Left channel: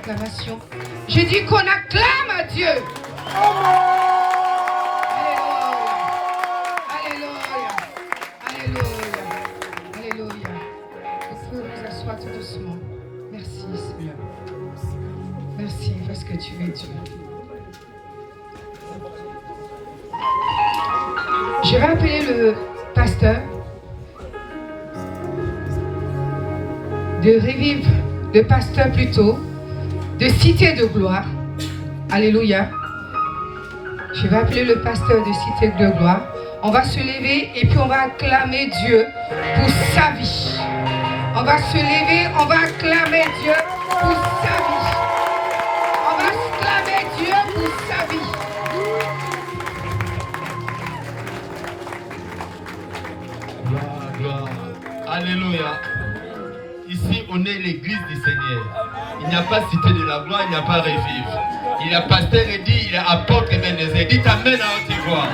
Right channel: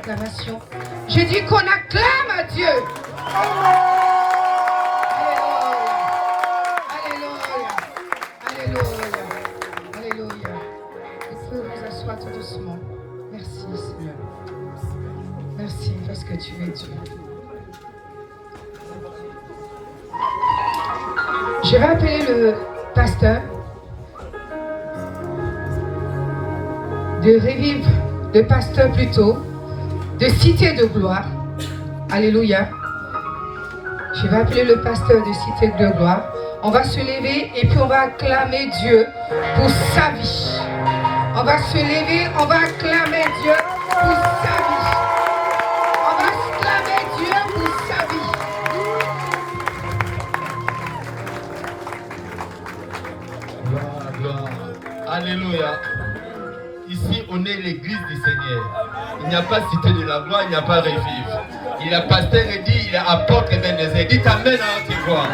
l'acclamation. J'ai dit qu'on acclame à Dieu. Alléluia. Alléluia. Alléluia. Vous pouvez vous asseoir tout doucement. Merci Seigneur. Merci parce que tu es Dieu. Je vais appeler le pasteur de Revive, le pasteur plutôt, de Cité de Gloire. Alléluia. Je vais appeler le pasteur de Cité de Gloire. On va se lever et puis on va acclamer Dieu pour sa vie. On va se lever, on va acclamer Dieu pour sa vie. On va acclamer Dieu pour sa vie. Gloire, gloire. Alléluia. Ici, on est l'église du Seigneur. Il n'y a pas cité de la gloire, il n'y a pas revive. Il a pasteur et dit, il a apôtre et bénézé. Dites amen à haute voix.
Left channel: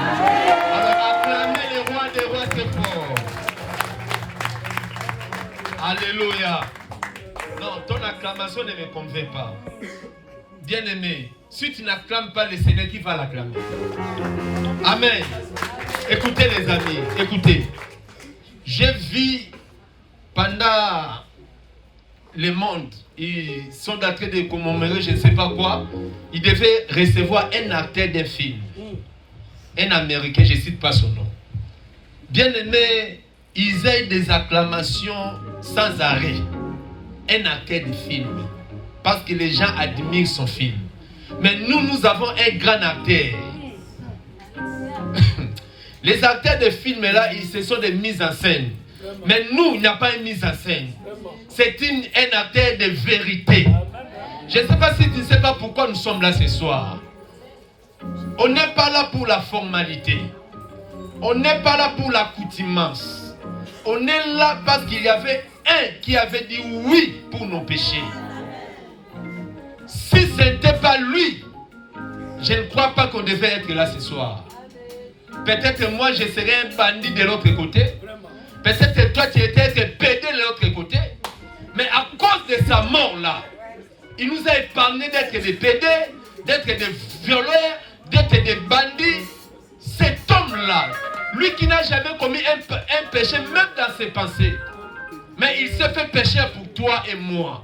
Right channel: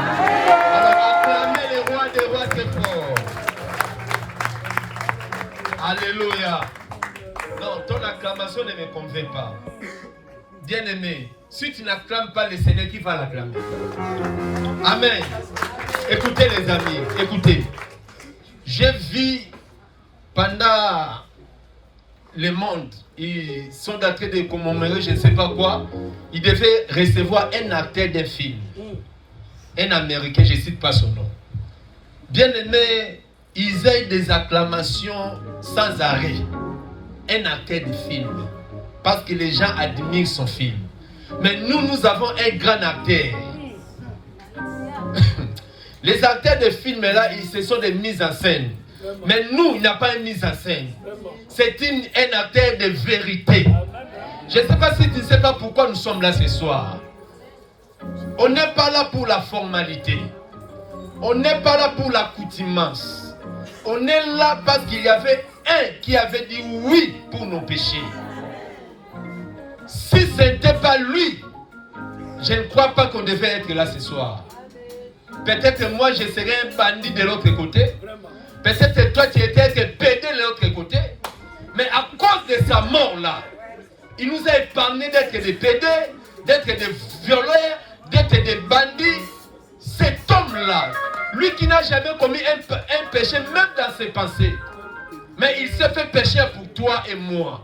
Alors, acclamez les rois des rois, c'est fort. Alléluia. Non, ton acclamation ne me convainc pas. Bien-aimé, si tu n'acclames pas le Seigneur, qui va l'acclamer? Amen. Écoutez les amis, écoutez. J'ai vu pendant le monde, ils sont en train de commémorer je ne sais pas quoi. Ils devaient recevoir un acteur d'un film. Un Américain, je ne cite pas son nom. Bien aimé, ils aient des acclamations sans arrêt. Un acteur de film. Parce que les gens admirent son film. Mais nous avons un grand acteur. Les acteurs de films là, ce sont des mises en scène. Mais nous, il n'y a pas une mise en scène. C'est un acteur de vérité. Je ne sais pas si tu ne sais pas pourquoi nous sommes là ce soir. On n'est pas là pour la formalité. On n'est pas là pour l'accoutumance. On est là parce qu'il y avait un qui avait dit oui pour nos péchés. Si ce n'était pas lui, je ne crois pas qu'on devait être là ce soir. Peut-être moi je serais un bandit de l'autre côté. Peut-être toi tu étais pédé de l'autre côté. Mais à cause de sa mort là, il nous a épargné d'être des pédés, d'être des violeurs, d'être des bandits. Cet homme-là, lui qui n'a jamais commis un péché, même dans ses pensées, mais il s'est fait pécher pour toi et moi.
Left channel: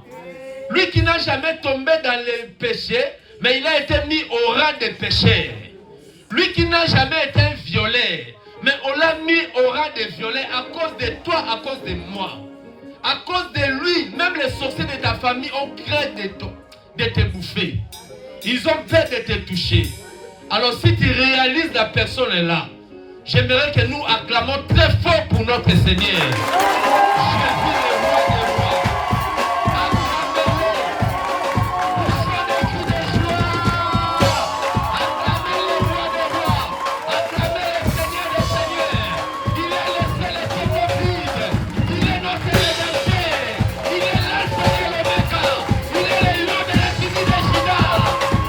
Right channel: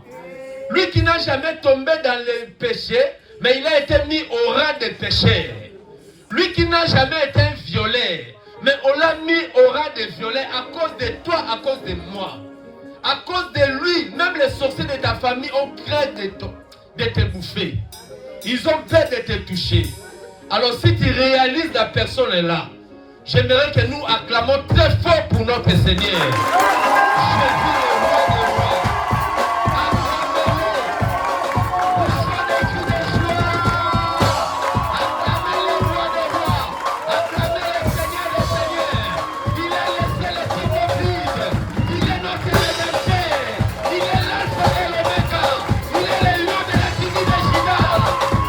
Lui qui n'a jamais tombé dans les péchés, mais il a été mis au rang des pécheurs. Lui qui n'a jamais été un violeur, mais on l'a mis au rang des violeurs à cause de toi, à cause de moi. À cause de lui, même les sorciers de ta famille ont craint de te bouffer. Ils ont peur de te toucher. Alors si tu réalises la personne est là, j'aimerais que nous acclamons très fort pour notre Seigneur. Jésus est roi des rois. Acclamez-le. Poussez des cris de joie. Acclamez le roi des rois. Acclamez le Seigneur des seigneurs. Il est le seul et qui nous vive. Il est notre rédempteur. Il est l'alpha et l'oméga. Il est le lion de la tribu de Juda.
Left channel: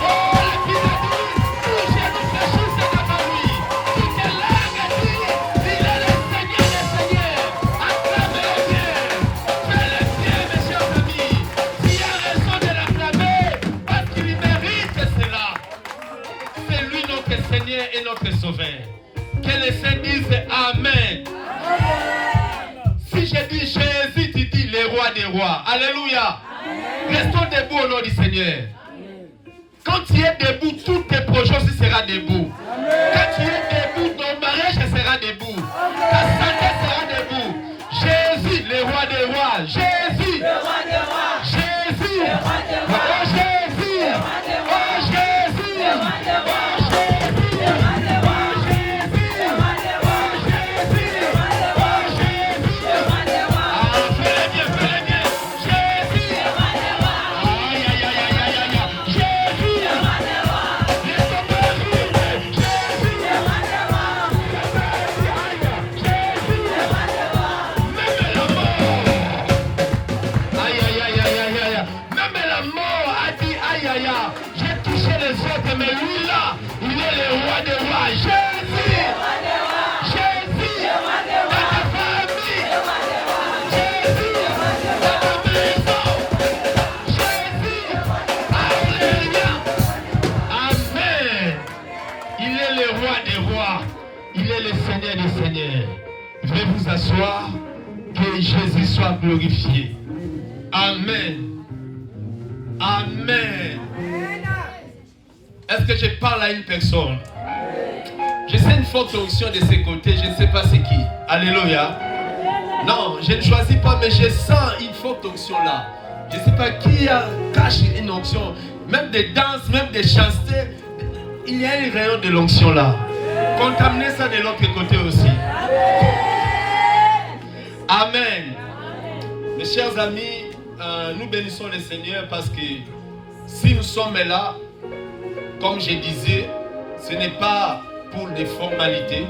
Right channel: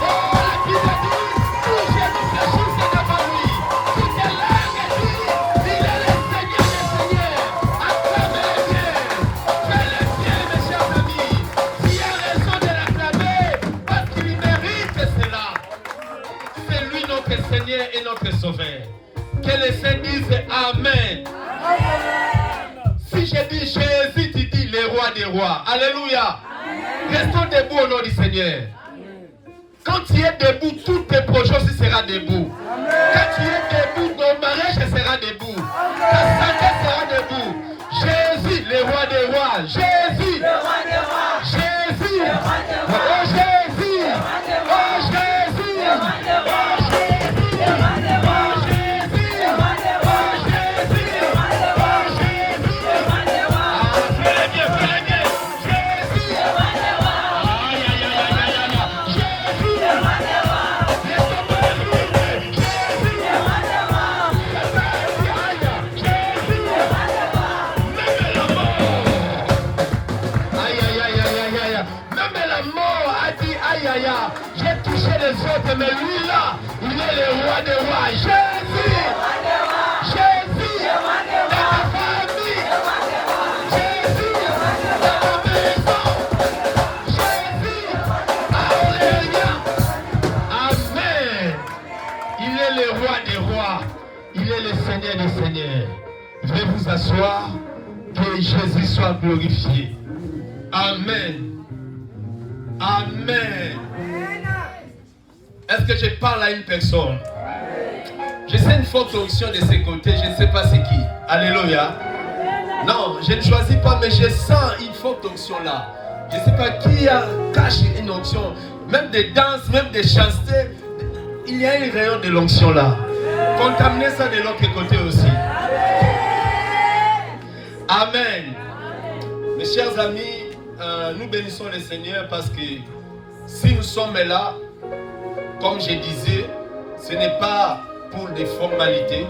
Oh, la Bible dit, tout Jésus fait juste devant lui. Toute langue dit, il est le Seigneur des seigneurs. Acclamez-le bien. Fais-le bien, mes chers amis. S'il y a raison de l'acclamer, parce qu'il mérite cela. C'est lui notre Seigneur et notre Sauveur. Que les saints disent Amen. Si je dis Jésus, tu dis le roi des rois. Alléluia. Restons debout au nom du Seigneur. Quand tu es debout, tous tes projets aussi seront debout. Quand tu es debout, ton mariage sera debout. Ta santé sera debout. Jésus, le roi des rois. Jésus. Jésus. Oh Jésus. Oh Jésus. Oh j'ai touché les autres, mais lui là, il est le roi des rois. Jésus! Jésus! Dans ta famille! Jésus! Dans ta maison! Jésus! est le roi des rois. Il est le Seigneur des seigneurs. Veuillez vous asseoir. Que Jésus soit glorifié. Amen. Amen. Est-ce que je parle à une personne? Je sais une forte onction de ses côtés. Je ne sais pas c'est qui. Alléluia. Non, je ne choisis pas, mais je sens une forte onction là. Je ne sais pas qui cache une onction. Même des danses, même des chastetés. Il y a une rayon de l'onction là. Contaminez ça de l'autre côté aussi. Amen. Mes chers amis, nous bénissons le Seigneur parce que si nous sommes là, comme je disais, ce n'est pas pour des formalités,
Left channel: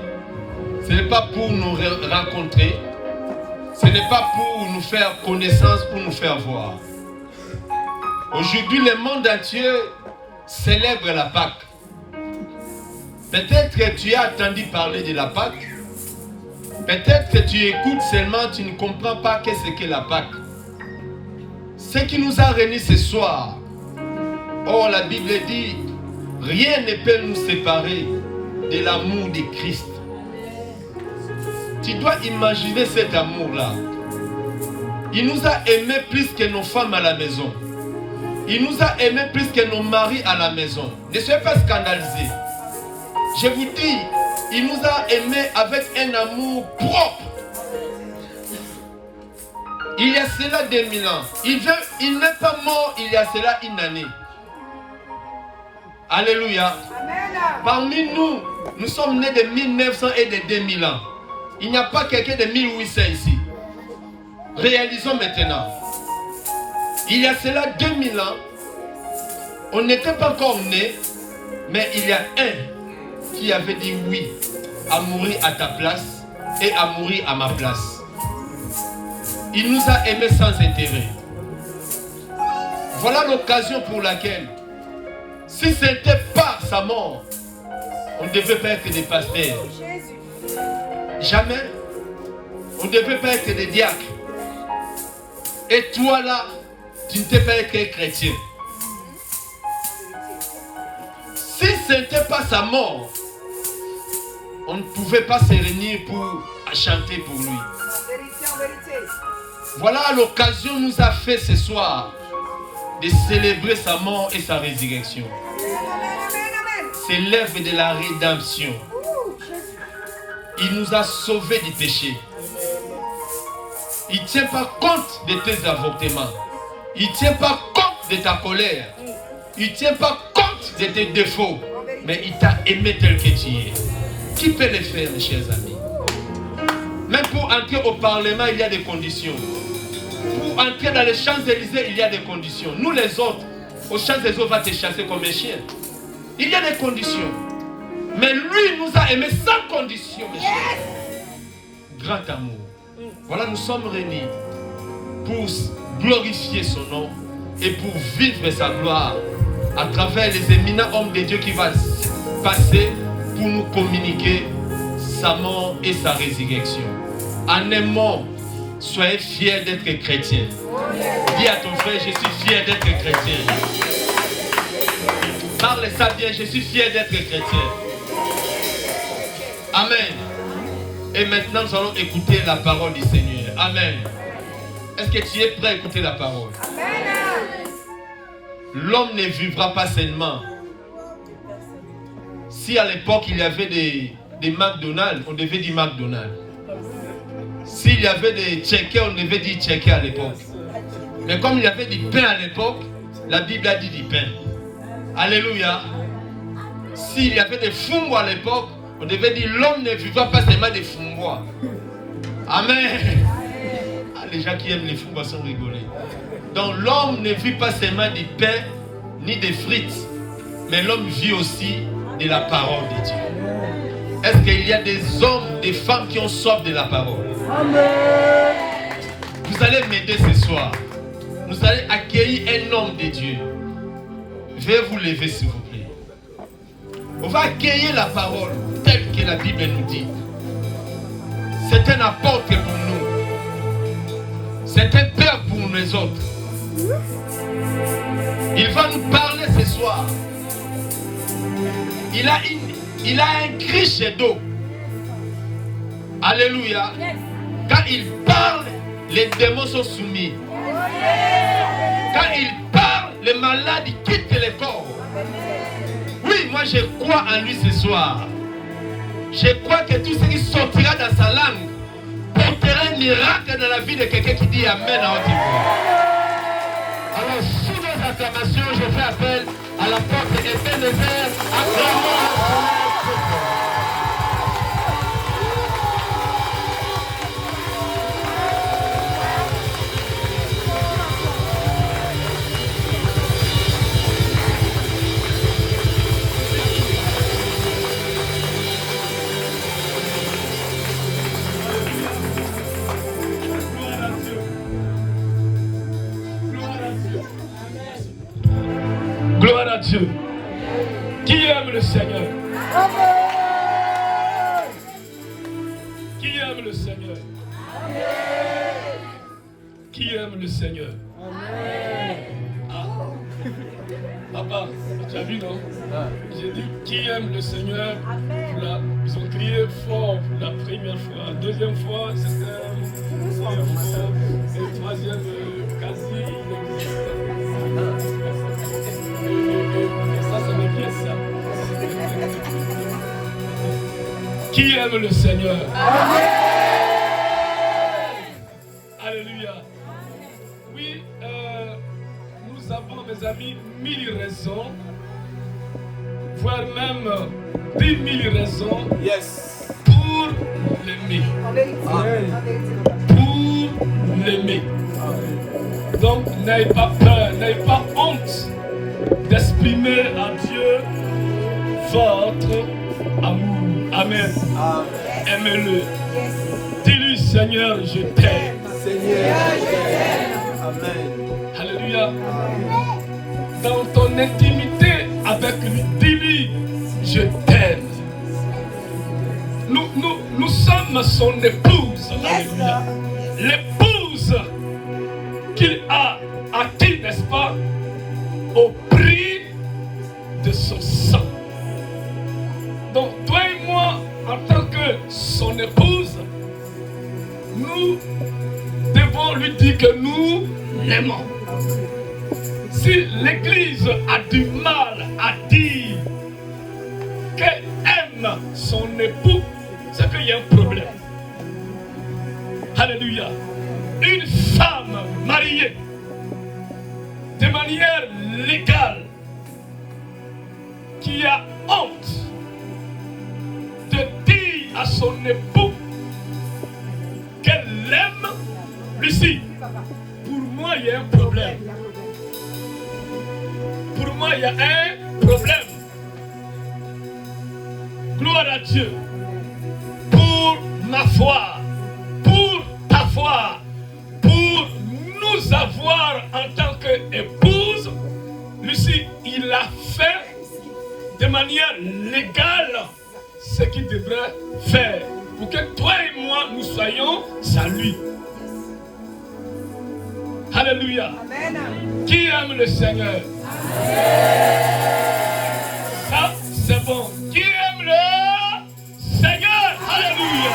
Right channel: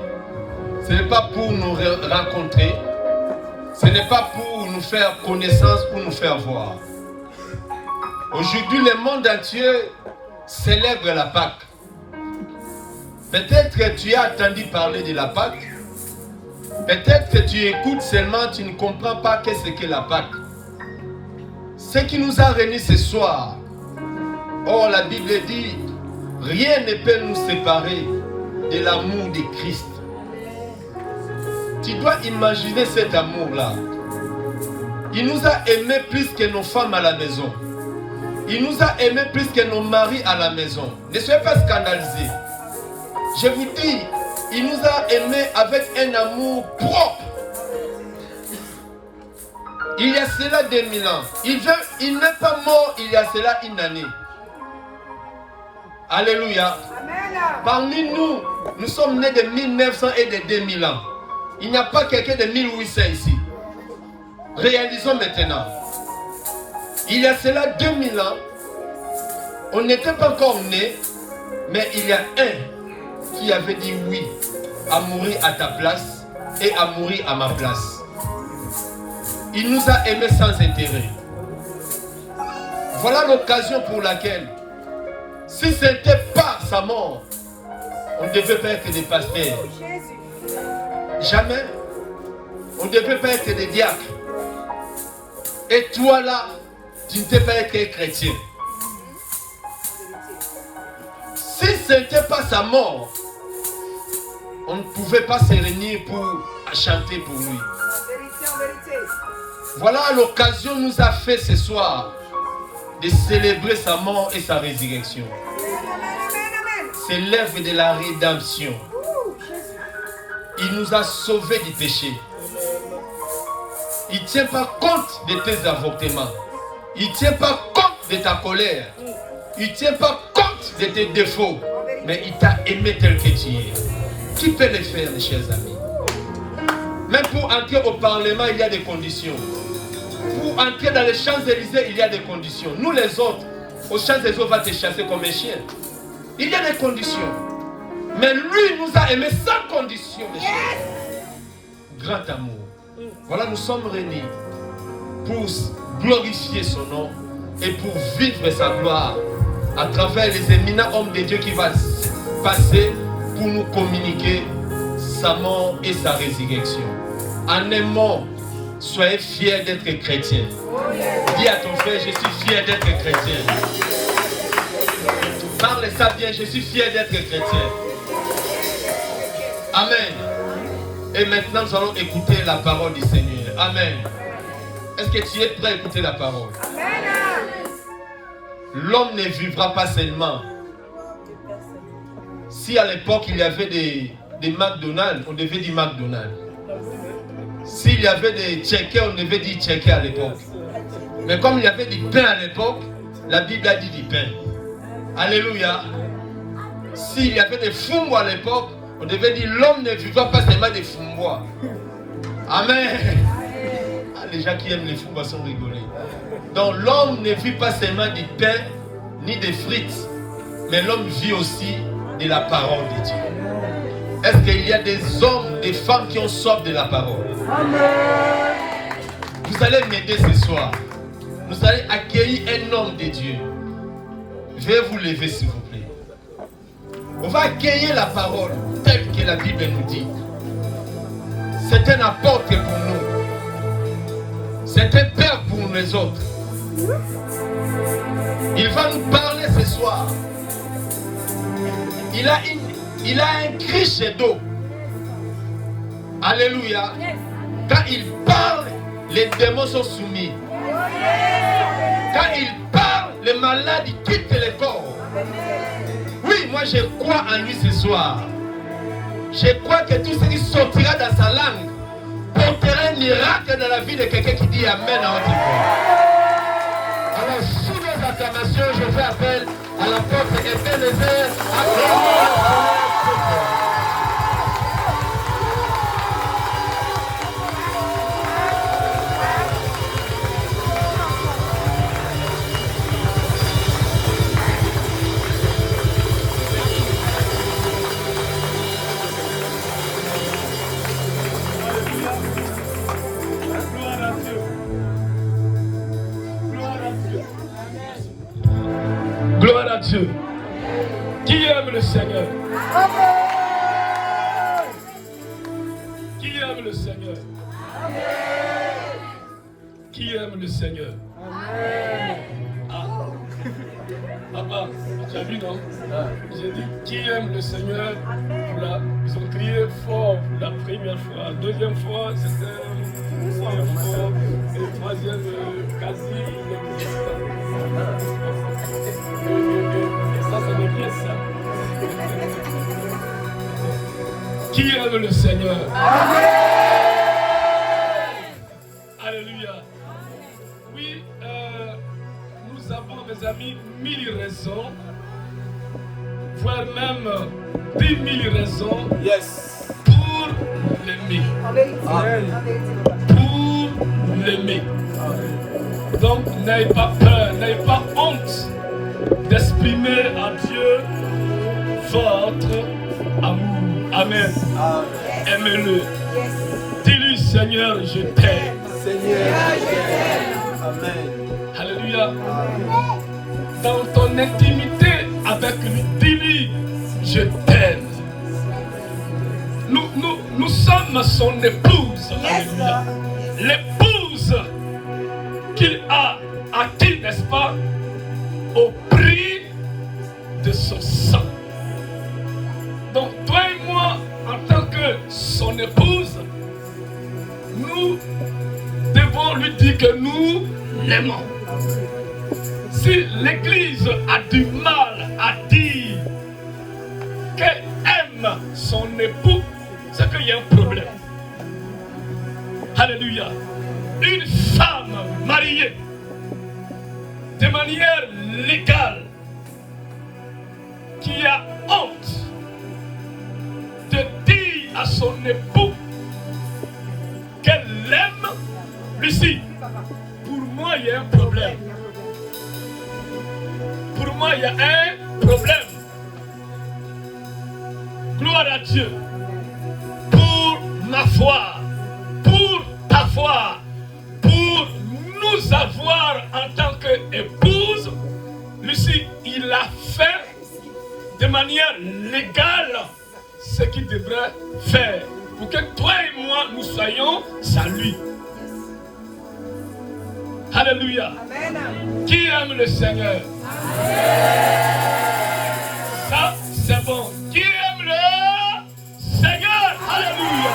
ce n'est pas pour nous rencontrer, ce n'est pas pour nous faire connaissance, pour nous faire voir. Aujourd'hui, le monde entier célèbre la Pâque. Peut-être que tu as entendu parler de la Pâque. Peut-être que tu écoutes seulement, tu ne comprends pas qu'est-ce que la Pâque. Ce qui nous a réunis ce soir. Oh, la Bible dit, rien ne peut nous séparer de l'amour de Christ. Tu dois imaginer cet amour-là. Il nous a aimés plus que nos femmes à la maison. Il nous a aimés plus que nos maris à la maison. Ne soyez pas scandalisés. Je vous dis, il nous a aimés avec un amour propre. Il y a cela 2000 ans. Il n'est pas mort il y a cela une année. Alléluia. Parmi nous, nous sommes nés de 1900 et de 2000 ans. Il n'y a pas quelqu'un de 1800 ici. Réalisons maintenant. Il y a cela 2000 ans, on n'était pas encore nés, mais il y a un qui avait dit oui à mourir à ta place et à mourir à ma place. Il nous a aimés sans intérêt. Voilà l'occasion pour laquelle, si ce n'était pas sa mort, on ne devait pas être des pasteurs. Jamais. On ne devait pas être des diacres. Et toi là, tu ne t'es pas été chrétien. Si ce n'était pas sa mort, on ne pouvait pas se réunir pour chanter pour lui. Voilà l'occasion nous a fait ce soir de célébrer sa mort et sa résurrection. C'est l'œuvre de la rédemption. Il nous a sauvés du péché. Il ne tient pas compte de tes avortements. Il ne tient pas compte de ta colère. Il ne tient pas compte de tes défauts. Mais il t'a aimé tel que tu es. Qui peut le faire, mes chers amis? Même pour entrer au Parlement, il y a des conditions. Pour entrer dans les Champs-Élysées, il y a des conditions. Nous les autres, aux Champs-Élysées, on va te chasser comme un chien. Il y a des conditions. Mais lui nous a aimés sans condition, mes chers. Grand amour. Voilà, nous sommes réunis pour glorifier son nom et pour vivre sa gloire à travers les éminents hommes de Dieu qui vont passer pour nous communiquer sa mort et sa résurrection. En un mot, soyez fiers d'être chrétiens. Dis à ton frère, je suis fier d'être chrétien. Parle ça bien, je suis fier d'être chrétien. Amen. Et maintenant, nous allons écouter la parole du Seigneur. Amen. Est-ce que tu es prêt à écouter la parole? L'homme ne vivra pas seulement. Si à l'époque il y avait des McDonald's, on devait dire McDonald's. S'il y avait des checkers, on devait dire checker à l'époque. Mais comme il y avait du pain à l'époque, la Bible a dit du pain. Alléluia. S'il y avait des fumbois à l'époque, on devait dire l'homme ne vivra pas seulement des fumbois. Amen. Ah, les gens qui aiment les fumbois sont rigolés. Donc l'homme ne vit pas seulement du pain ni des frites, mais l'homme vit aussi de la parole de Dieu. Est-ce qu'il y a des hommes, des femmes qui ont soif de la parole? Vous allez m'aider ce soir. Vous allez accueillir un homme de Dieu. Veuillez vous lever s'il vous plaît. On va accueillir la parole telle que la Bible nous dit. C'est un apôtre pour nous. C'est un père pour nous autres. Il va nous parler ce soir. Il a il a un criche d'eau. Alléluia. Quand il parle, les démons sont soumis. Quand il parle, les malades quittent les corps. Oui, moi je crois en lui ce soir. Je crois que tout ce qui sortira dans sa langue portera un miracle dans la vie de quelqu'un qui dit Amen à haute voix. Alors, sous nos acclamations, je fais appel à la porte Ebenezer, acclamons. Gloire à Dieu. Qui aime le Seigneur? Qui aime le Seigneur? Qui aime le Seigneur? Ah. Papa, tu as vu, non? J'ai dit qui aime le Seigneur? Ils ont crié fort pour la première fois. Deuxième fois, c'était fort. Et troisième, quasi inexistant. Et ça veut dire ça. Qui aime le Seigneur? Alléluia. Oui, nous avons, mes amis, 1000 raisons, voire même 10 000 raisons pour l'aimer. Pour l'aimer. Donc, n'ayez pas peur, n'ayez pas honte d'exprimer à Dieu votre amour. Amen. Aimez-le. Dis-lui, Seigneur, je t'aime. Seigneur, je t'aime. Amen. Alléluia. Dans ton intimité avec lui, dis-lui, je t'aime. Nous sommes son épouse. Alléluia. L'épouse qu'il a acquis, n'est-ce pas, au prix de son sang. Donc, toi et moi, en tant que son épouse, nous devons lui dire que nous l'aimons. Si l'Église a du mal à dire qu'elle aime son époux, c'est qu'il y a un problème. Alléluia. Une femme mariée de manière légale qui a honte de dire à son époux qu'elle l'aime, Lucie, pour moi il y a un problème. Pour moi il y a un problème. Gloire à Dieu. Pour ma foi, pour ta foi, pour nous avoir en tant qu'épouse, Lucie, il a fait de manière légale ce qu'il devrait faire pour que toi et moi nous soyons à lui. Alléluia. Amen. Qui aime le Seigneur? Ça, c'est bon. Qui aime le Seigneur? Alléluia.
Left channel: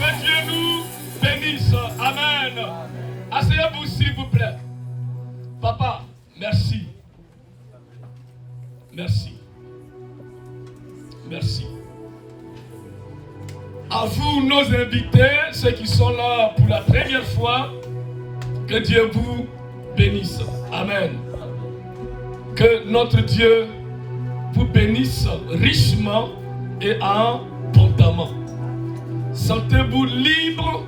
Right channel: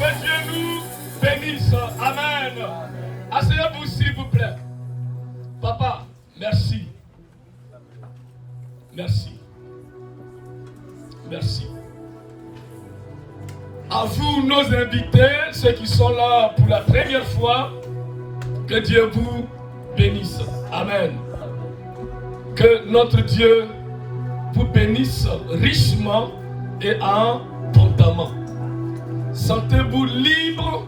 Que Dieu nous bénisse. Amen. Asseyez-vous s'il vous plaît. Papa, merci. Merci. Merci. À vous, nos invités, ceux qui sont là pour la première fois, que Dieu vous bénisse. Amen. Que notre Dieu vous bénisse richement et abondamment. Sentez-vous libre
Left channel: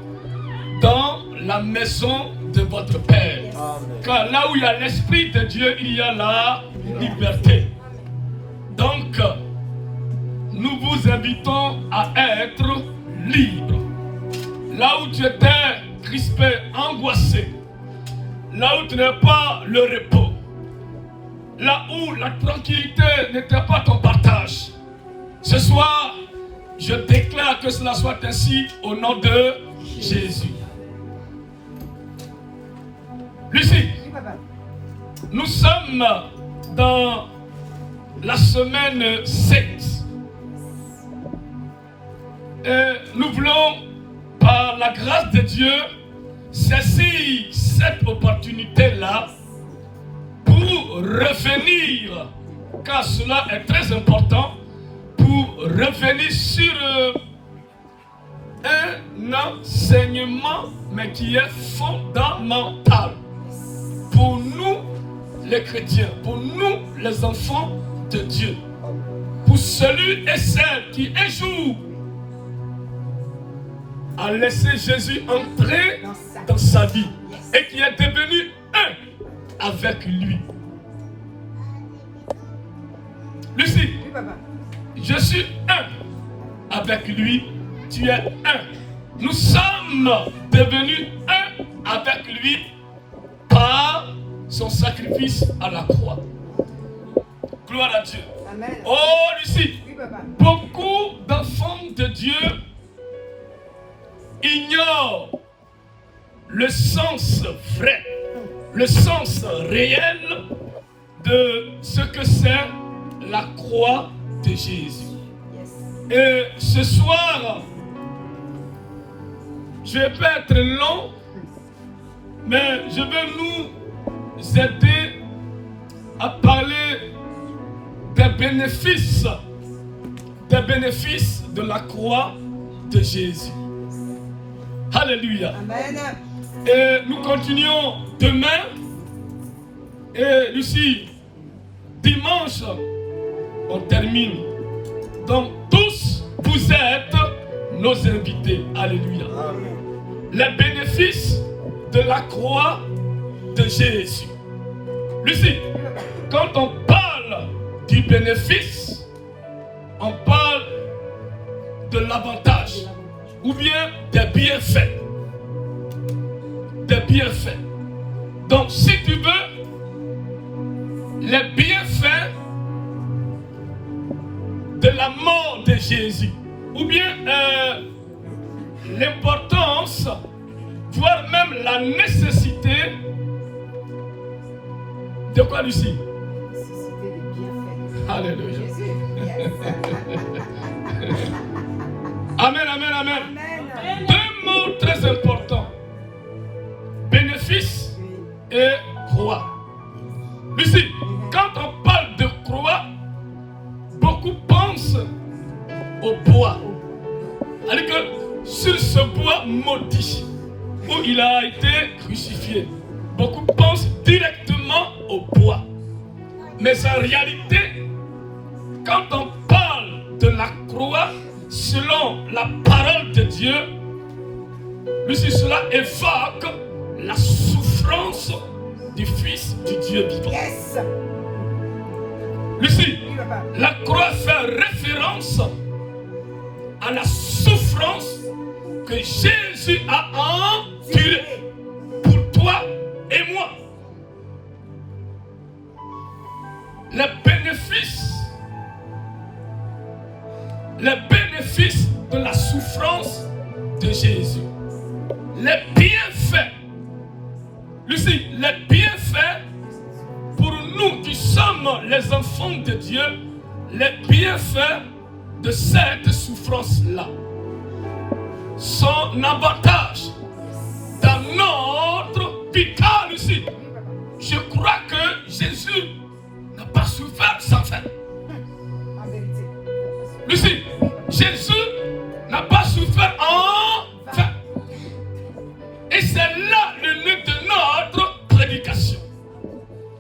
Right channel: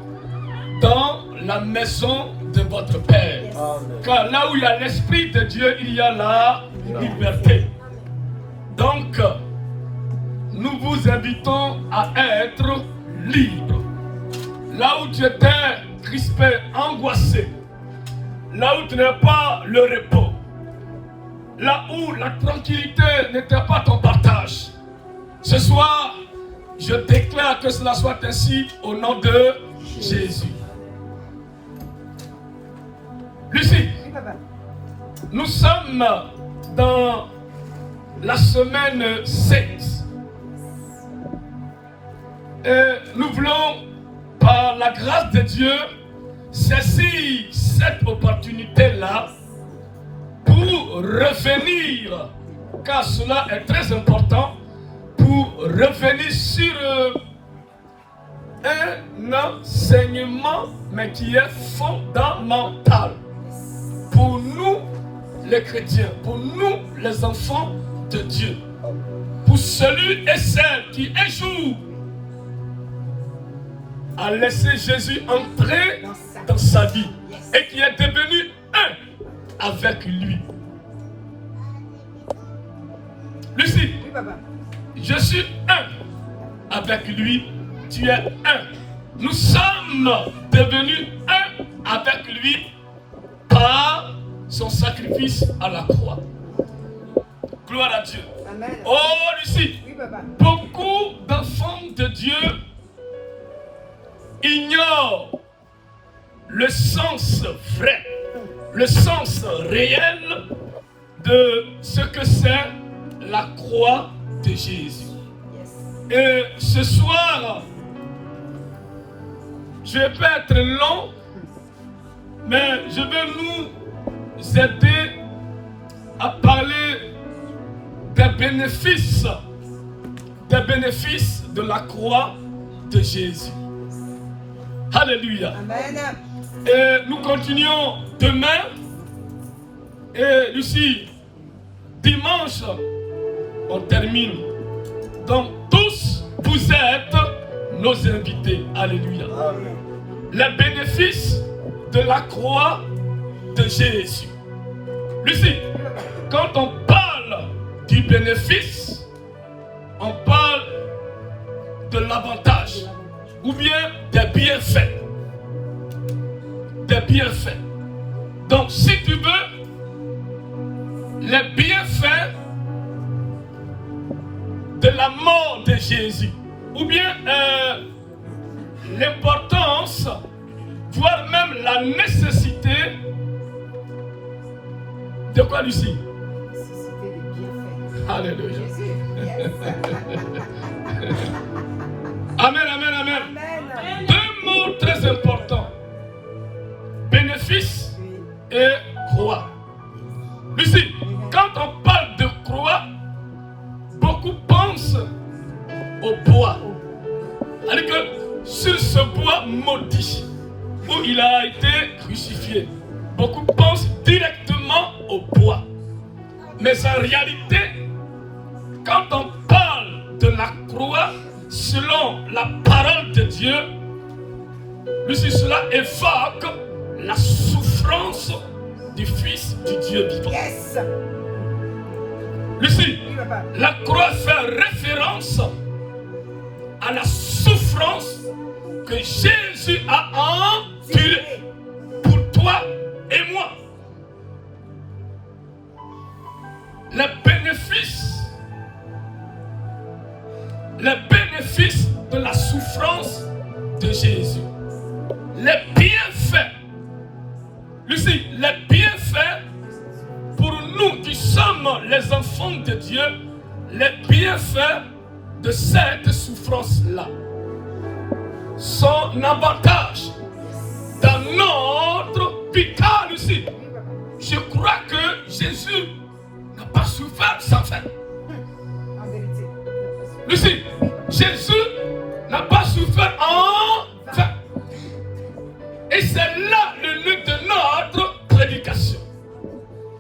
dans la maison de votre Père. Amen. Car là où il y a l'Esprit de Dieu, il y a la liberté. Donc, nous vous invitons à être libres. Là où tu étais crispé, angoissé, là où tu n'as pas le repos, là où la tranquillité n'était pas ton partage, ce soir, je déclare que cela soit ainsi au nom de Jésus. Lucie, nous sommes dans la semaine 16. Et nous voulons, par la grâce de Dieu, saisir cette opportunité-là pour revenir, car cela est très important, pour revenir sur un enseignement, mais qui est fondamental pour nous les chrétiens, pour nous les enfants de Dieu, pour celui et celle qui un jour a laissé Jésus entrer dans sa vie et qui est devenu un avec lui. Lucie, je suis un avec lui, tu es un. Nous sommes devenus un avec lui par son sacrifice à la croix. Gloire à Dieu. Amen. Oh Lucie, Oui, papa. beaucoup d'enfants de Dieu ignorent le sens vrai, le sens réel de ce que c'est la croix de Jésus. Et ce soir, je vais pas être long, mais je vais nous aider à parler des bénéfices de la croix de Jésus. Alléluia. Amen. Et nous continuons demain. Et Lucie, dimanche, on termine. Donc tous, vous êtes nos invités. Alléluia. Amen. Les bénéfices de la croix de Jésus. Lucie, quand on parle du bénéfice, on parle de l'avantage ou bien des bienfaits. Des bienfaits. Donc si tu veux, les bienfaits de la mort de Jésus, ou bien l'importance, voire même la nécessité de quoi, Lucie? Nécessité des bienfaits. Alléluia. Jésus. Yes. Amen, amen, amen. Amen. Deux mots très importants. Bénéfice et croix. Lucie, quand on parle de croix, beaucoup pensent au bois. C'est-à-dire que sur ce bois maudit, où il a été crucifié, beaucoup pensent directement au bois. Mais en réalité, quand on parle de la croix, selon la parole de Dieu, Lucie, cela évoque la souffrance du Fils du Dieu vivant. Yes. Lucie, Oui, papa. la croix fait référence à la souffrance que Jésus a endurée pour toi et moi. Les bénéfices de la souffrance de Jésus. Les bienfaits. Lucie, les bienfaits pour nous qui sommes les enfants de Dieu, les bienfaits de cette souffrance-là. Son avantage dans notre vital ici. Je crois que Jésus n'a pas souffert sans fin. En vérité. Lucie, Jésus n'a pas souffert en vain. Et c'est là le but de notre prédication.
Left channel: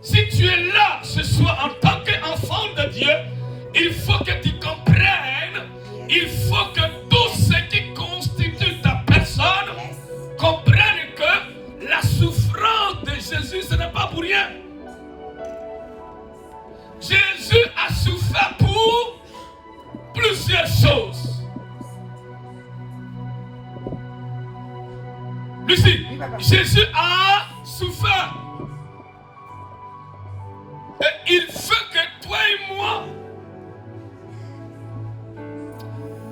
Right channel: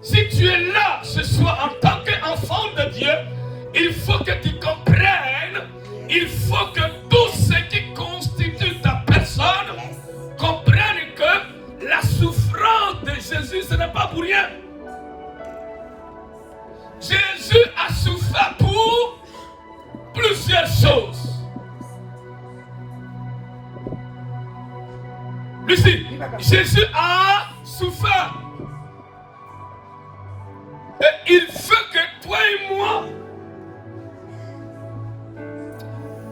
Si tu es là ce soir en tant qu'enfant de Dieu, il faut que tu comprennes, il faut que tout ce qui constitue ta personne comprenne que la souffrance de Jésus, ce n'est pas pour rien. Jésus a souffert pour plusieurs choses. Lucie, Jésus a souffert. Et il faut que toi et moi,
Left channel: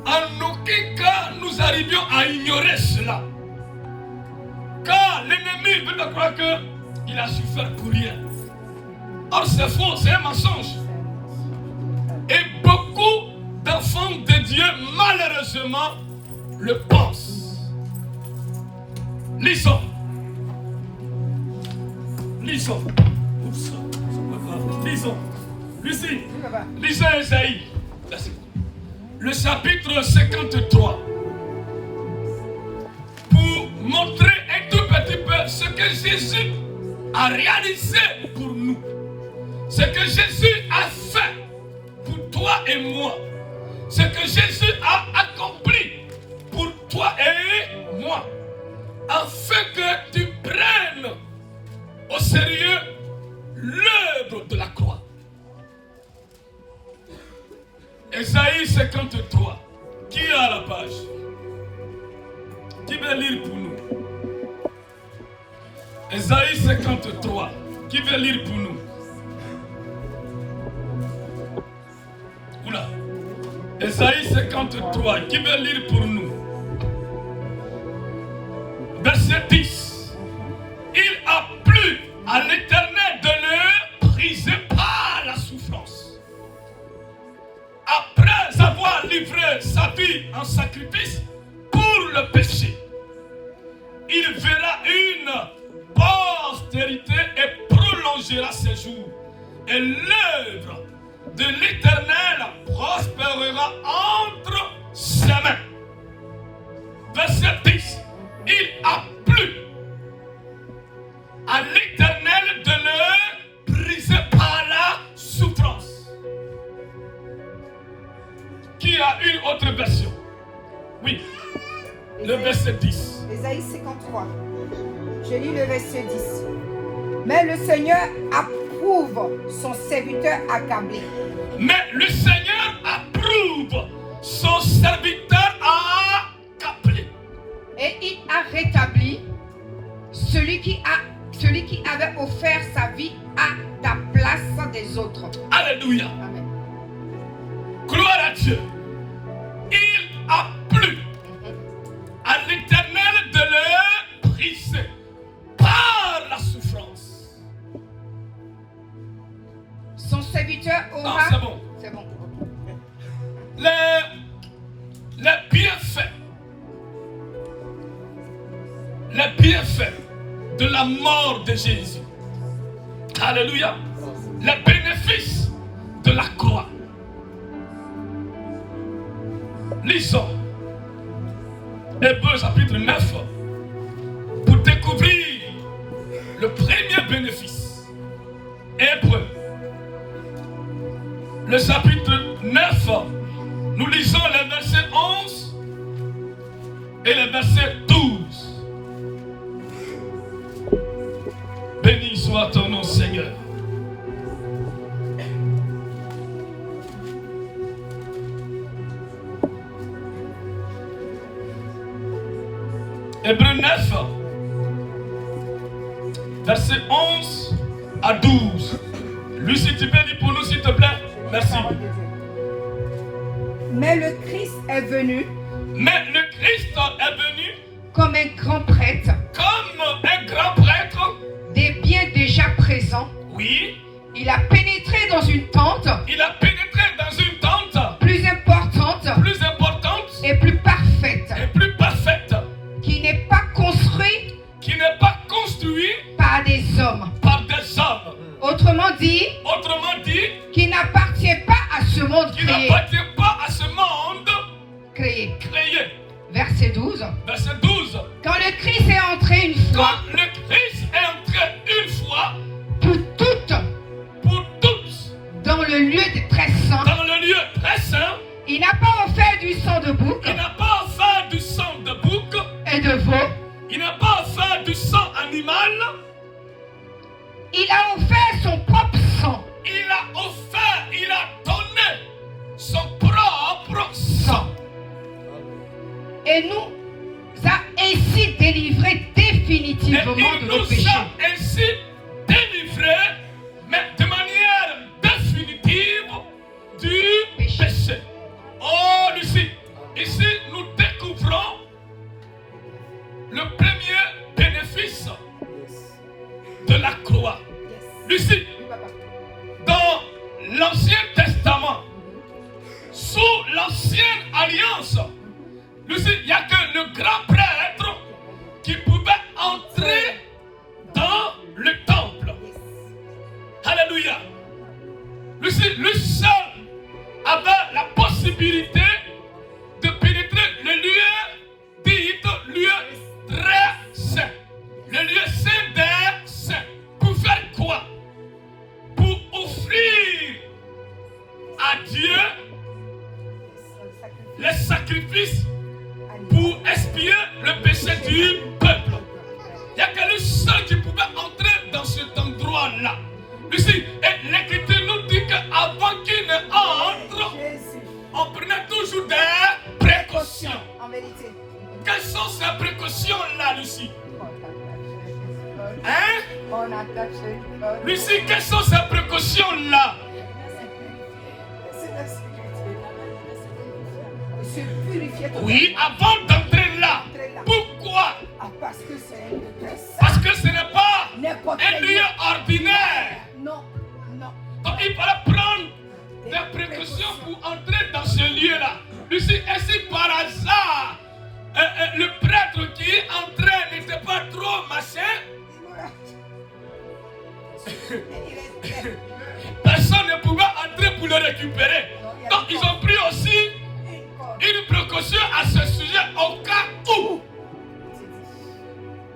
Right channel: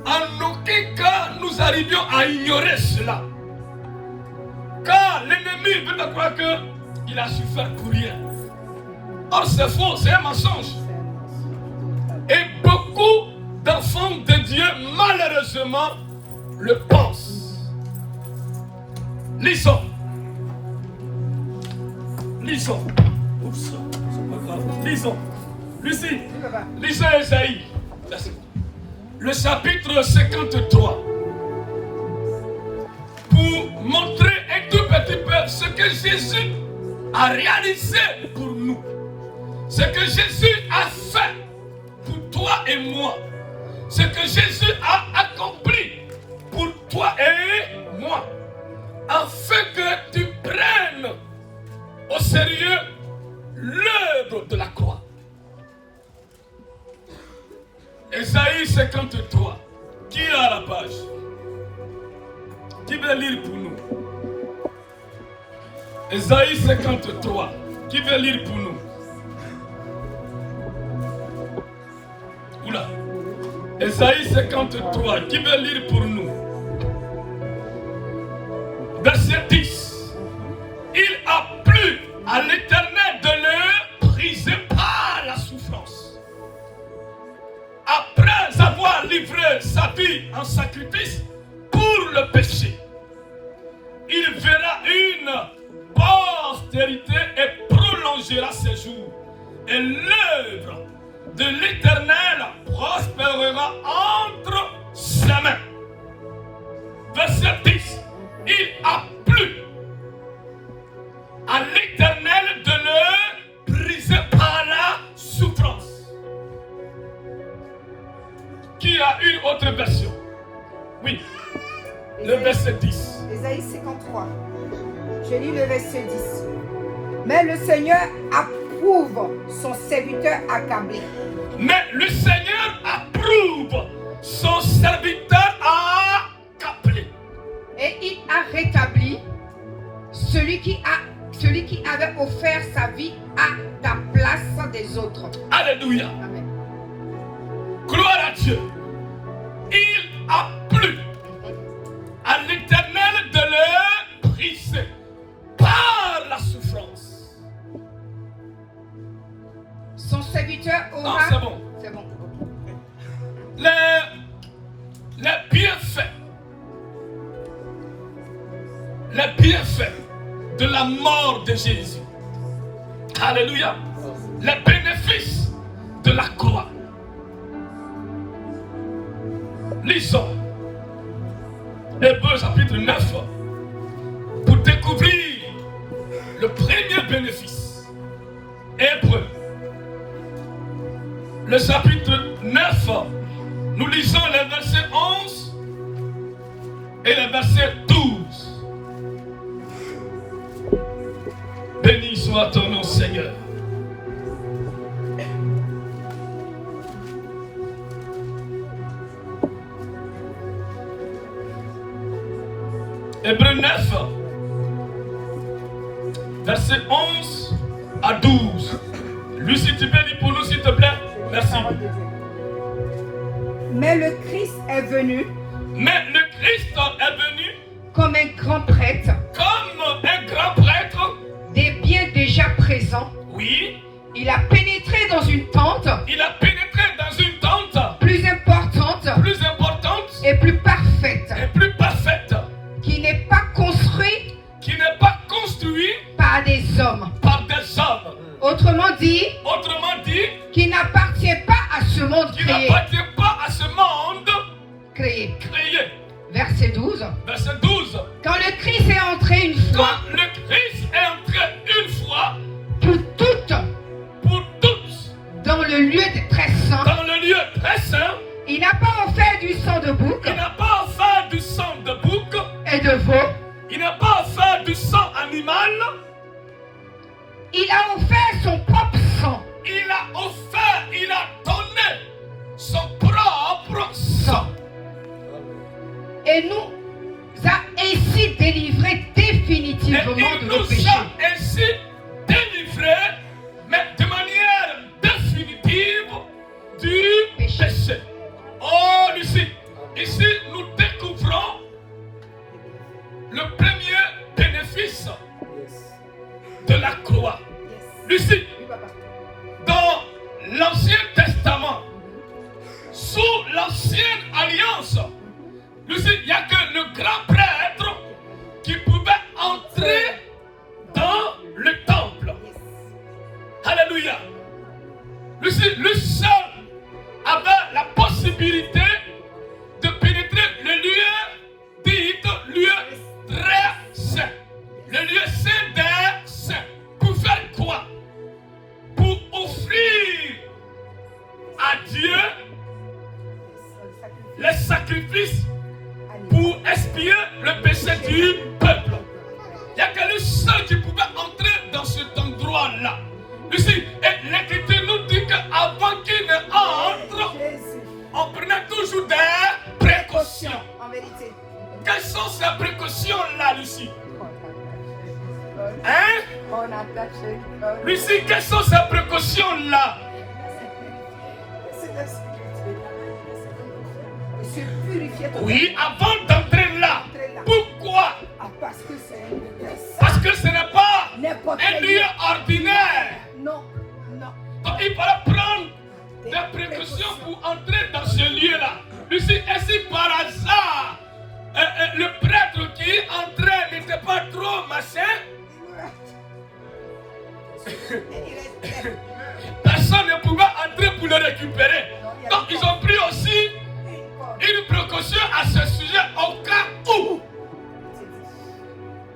en aucun cas, nous arrivions à ignorer cela. Car l'ennemi veut te croire qu'il a souffert pour rien. Or, c'est faux, c'est un mensonge. malheureusement le pensent. Lisons. Lisons. Oups, c'est pas grave. Lisons. Lucie, lisons Esaïe. Le chapitre 53. Pour montrer un tout petit peu ce que Jésus a réalisé pour nous. Ce que Jésus a fait pour toi et moi. Ce que Jésus a accompli pour toi et moi. Afin que tu prennes au sérieux l'œuvre de la croix. Esaïe 53. Qui a la page? Qui veut lire pour nous? Esaïe 53. Qui veut lire pour nous? Oula. Esaïe 53. Qui veut lire pour nous? Verset 10. Il a plu à l'Éternel de le briser par la souffrance. Après avoir livré sa vie en sacrifice pour le péché, il verra une postérité et prolongera ses jours. Et l'œuvre de l'Éternel prospérera entre ses mains. Verset 10. Il a plu à l'Éternel de le briser par la souffrance. Qui a une autre version? Oui. Le verset 10. Ésaïe 53. Je lis le verset 10. Mais le Seigneur approuve son serviteur accablé. Mais le Seigneur approuve son serviteur accablé. Et il a rétabli celui qui avait offert sa vie à la place des autres. Alléluia. Amen. Gloire à Dieu. Il a plu à l'Éternel de le briser par la souffrance. Son serviteur aura... Non, c'est bon. C'est bon. Les bienfaits de la mort de Jésus. Alléluia. Les bénéfices de la croix. Lisons Hébreux chapitre 9 pour découvrir le premier bénéfice. Hébreux, le chapitre 9, nous lisons les versets 11 et le verset 12. Béni soit ton nom, Seigneur. Hébreux 9, verset 11 à 12. Lui, si tu peux lire pour nous, s'il te plaît. Merci. Mais le Christ est venu. Mais le Christ est venu Comme un grand prêtre. comme un grand prêtre. Des biens déjà présents. Oui, Il a pénétré dans une tente il a pénétré dans une tente plus importante plus importante et plus parfaite, et plus parfaite, qui n'est pas construite qui n'est pas construite par des hommes. par des hommes. Autrement dit, Qui n'appartient pas à ce monde créé. n'appartient pas à ce monde créé. créé. Verset 12. Verset 12. Quand le Christ est entré une fois Quand le Christ est entré une fois pour toutes pour tous dans le lieu très saint, dans le lieu très saint, il n'a pas offert du sang de bouc il n'a pas offert du sang de bouc, et de veau. il n'a pas offert du sang animal, Il a offert son propre sang. il a donné son propre sang. Et nous a ainsi délivrés Et définitivement il de nos nous péchés. a ainsi délivrés, mais de manière définitive du péché. Oh, ici, nous découvrons le premier bénéfice de la croix. Lucie, dans l'Ancien Testament, sous l'Ancienne Alliance, Lucie, il n'y a que le grand prêtre qui pouvait entrer dans le temple. Alléluia. Lucie, lui seul avait la possibilité de pénétrer le lieu dit lieu très saint. Le lieu saint des saints. Pour faire quoi? Pour offrir à Dieu les sacrifices pour expier le péché du peuple. Il n'y a que lui seul qui pouvait entrer dans cet endroit-là. Lucie, et l'Écriture nous dit qu'avant qu'il ne entre, on prenait toujours des précautions. En vérité. Quelles sont ces précautions-là, Lucie? Hein? On attache le corps. Lucie, quelles sont ces précautions-là? C'est la sécurité. Se purifier totalement. Oui, avant d'entrer là. Pourquoi? Ah, parce que c'est un lieu très saint. Parce que ce n'est pas N'importe un quel lieu ordinaire. Non, non. Donc il fallait prendre des précautions pour entrer dans ce lieu-là. Lucie, et si par hasard, le prêtre qui entrait n'était pas trop machin, personne ne pouvait entrer pour le récupérer. Donc ils ont pris aussi une précaution à ce sujet au cas où.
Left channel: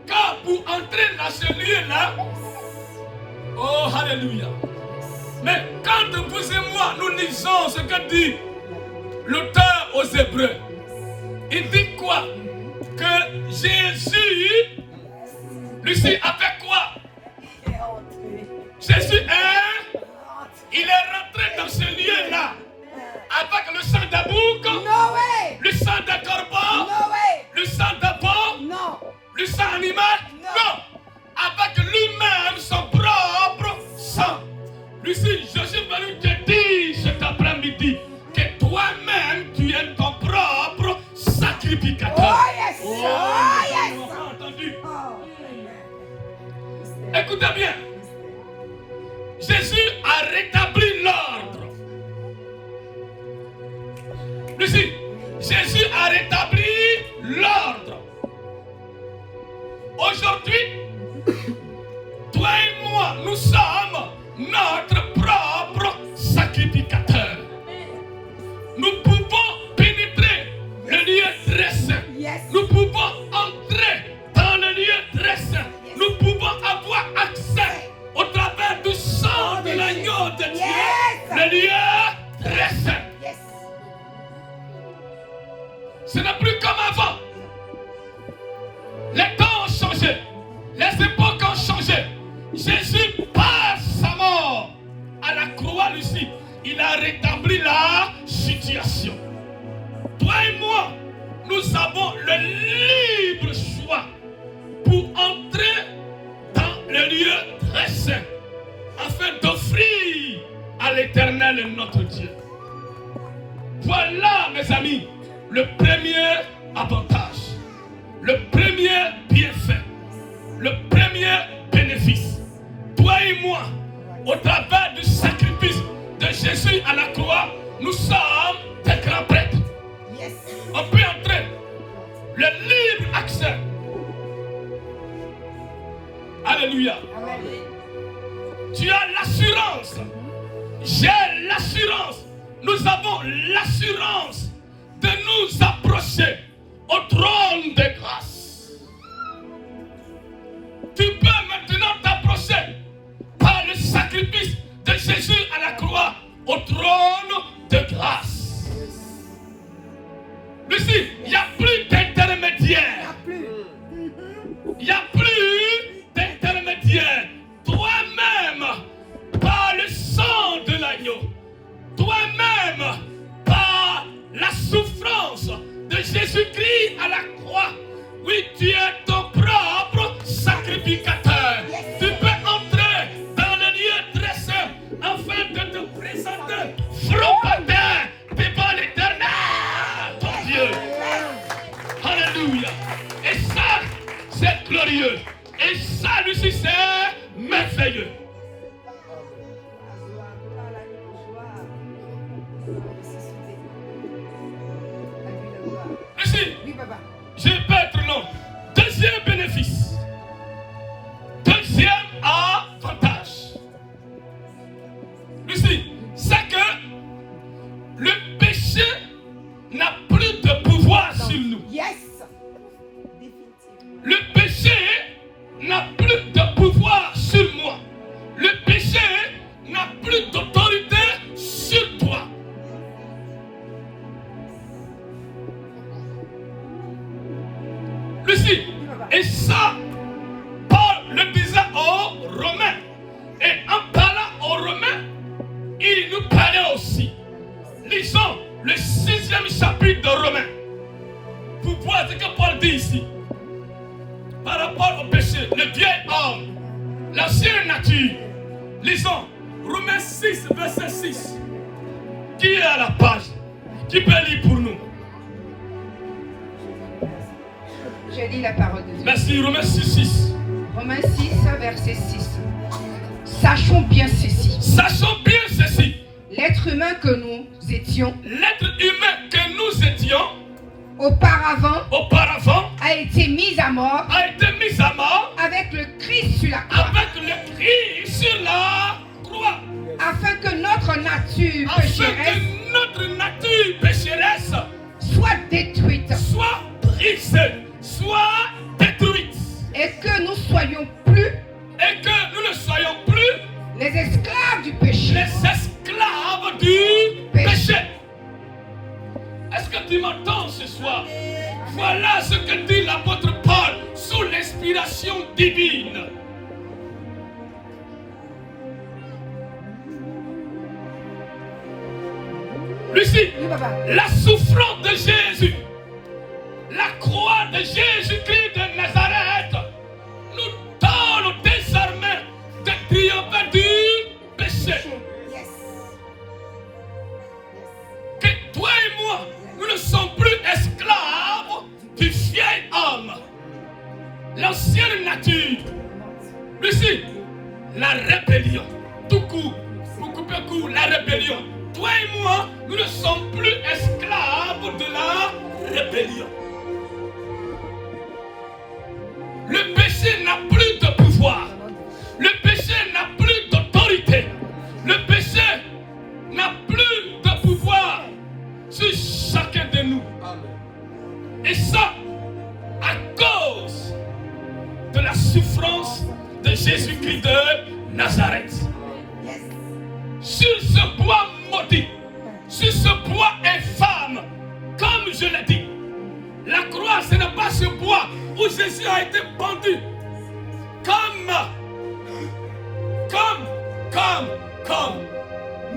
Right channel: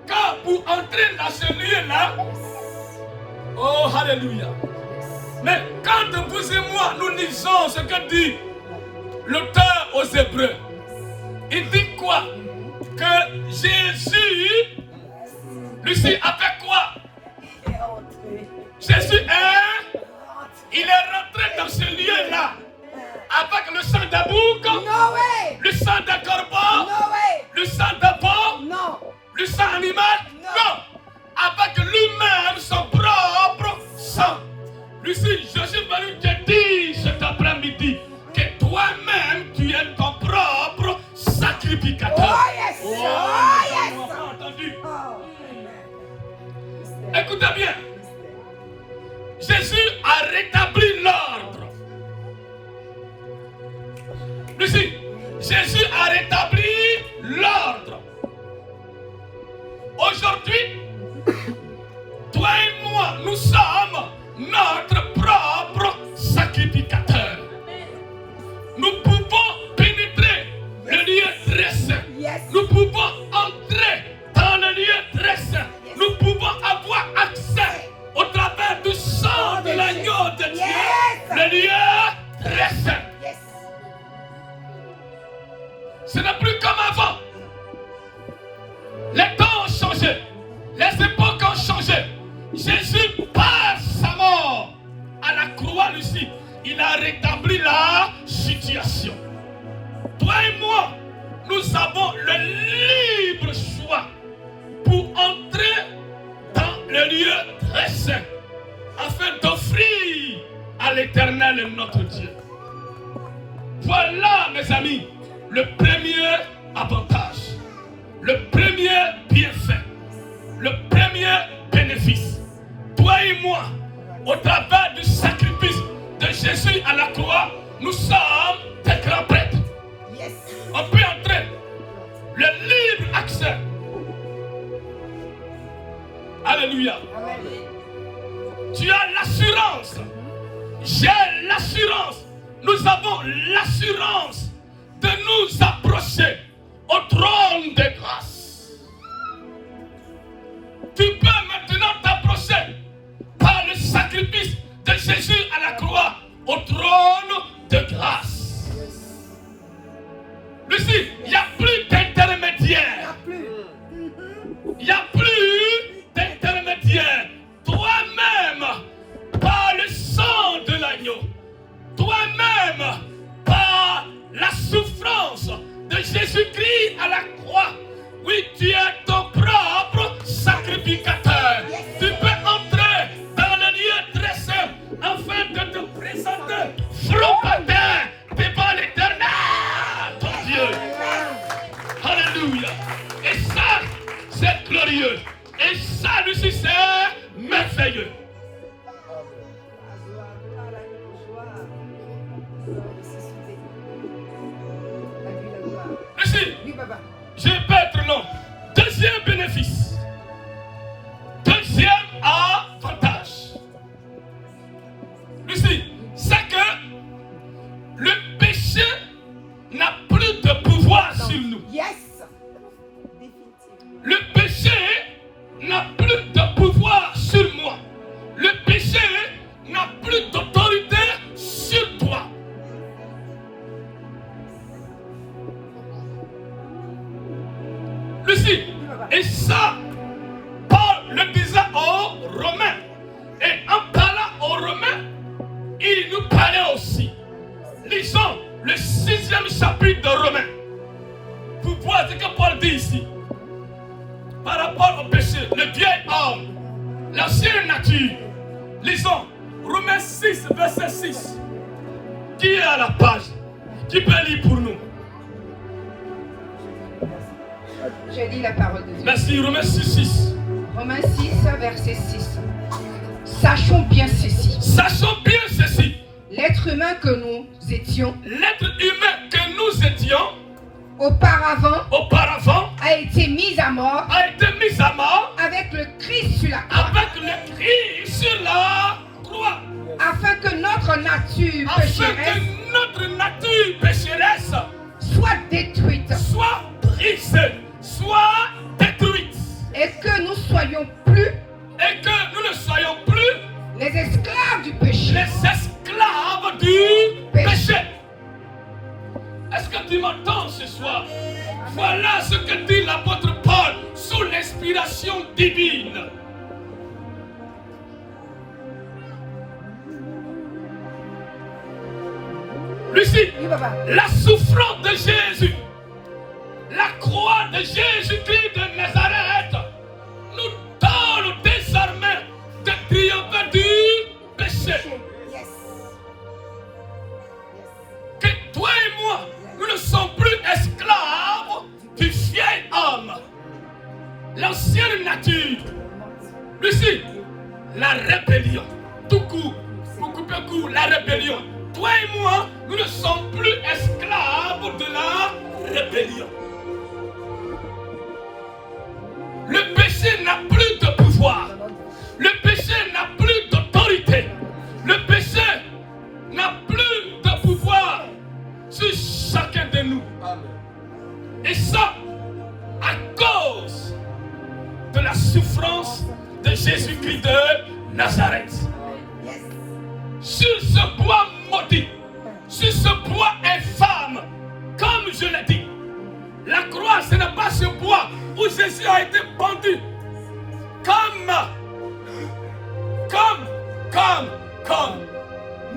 Quand pour entrer dans ce lieu-là, oh alléluia. Mais quand vous et moi nous lisons ce que dit l'auteur aux Hébreux, il dit quoi? Que Jésus, Lucie, a fait quoi? Jésus il est rentré dans ce lieu-là avec le sang de bouc, No way! le sang de corbeau, No way! le sang de porc, Non! le sang animal. Non! Avec lui-même son propre sang. Lucie, Jésus va nous te dire cet après-midi que toi-même tu es ton propre sacrificateur. Oh yes! Oh, Oh les yes! gens n'ont pas entendu. Oh, Écoutez bien. Jésus a rétabli l'ordre. Lucie, Jésus a rétabli l'ordre. Aujourd'hui, toi et moi, nous sommes notre propre sacrificateur. Nous pouvons pénétrer le lieu très saint. yes! Nous pouvons entrer dans le lieu très saint. Nous pouvons avoir accès au travers du sang de l'agneau de Dieu. Yes! Le lieu très saint. Yes! Ce n'est plus comme avant. Les temps ont changé. Les époques ont changé. Jésus, par sa mort à la croix, Lucie, il a rétabli la situation. Toi et moi, nous avons le libre choix pour entrer dans le lieu très saint afin d'offrir à l'Éternel notre Dieu. Voilà, mes amis, le premier avantage, le premier bienfait, le premier bénéfice. Toi et moi, au travers du sacrifice de Jésus à la croix, nous sommes des grands prêtres. Yes! On peut entrer. Le libre accès. Alléluia. Amen. Tu as l'assurance. J'ai l'assurance. Nous avons l'assurance de nous approcher au trône de grâce. Tu peux maintenant t'approcher par le sacrifice de Jésus à la croix au trône de grâce. Lucie, il n'y a plus d'intermédiaire. Il n'y a plus d'intermédiaire. Toi-même, par le sang de l'agneau, toi-même, par la souffrance de Jésus-Christ à la croix, oui, tu es ton propre sacrificateur. Tu peux entrer dans le lieu très saint afin de te présenter front-patin devant l'Éternel, ton Dieu. Alléluia. Et ça, c'est glorieux. Et ça, Lucie, c'est merveilleux. Lucie, papa. Je vais pas être long. Deuxième bénéfice. Deuxième avantage. Lucie, c'est que le péché n'a plus de pouvoir sur nous. Yes. Le péché n'a plus de pouvoir sur moi. Le péché n'a plus d'autorité sur toi. Lucie, et ça, Paul le disait aux Romains. Et en parlant aux Romains, il nous parlait aussi. Lisons le 6e chapitre de Romains. Vous voyez ce que Paul dit ici. Par rapport au péché, le vieil homme, l'ancienne nature. Lisons Romains 6, verset 6. Qui est à la page? Qui peut lire pour nous? Je lis la parole de Dieu. Merci, Romains 6, 6. Romains 6, verset 6. Sachons bien ceci. Sachons bien ceci. L'être humain que nous étions L'être humain que nous étions auparavant a été mis à mort mort avec le Christ sur la croix, avec le Christ sur la croix. afin que notre nature Afin pécheresse que notre nature pécheresse soit détruite soit brisée, soit détruite. et que nous soyons plus Et que nous ne soyons plus les esclaves du péché. les esclaves du péché. Est-ce que tu m'entends ce soir? Voilà ce que dit l'apôtre Paul sous l'inspiration divine. Lucie, Oui, papa. la souffrance de Jésus, la croix de Jésus-Christ de Nazareth nous donne désormais de triompher du péché. Yes. Que toi et moi, nous ne sommes plus esclaves du vieil homme, l'ancienne nature. Lucie, la rébellion, tout court, pour couper court, la rébellion. Toi et moi, nous ne sommes plus esclaves de la rébellion. Le péché n'a plus de pouvoir. Le péché n'a plus d'autorité. Le péché n'a plus de pouvoir sur chacun de nous. Et ça, à cause de la souffrance de Jésus-Christ de Nazareth. Yes. Sur ce bois maudit, sur ce bois infâme, comme je l'ai dit, la croix, ce n'est pas ce bois où Jésus a été pendu. Comme.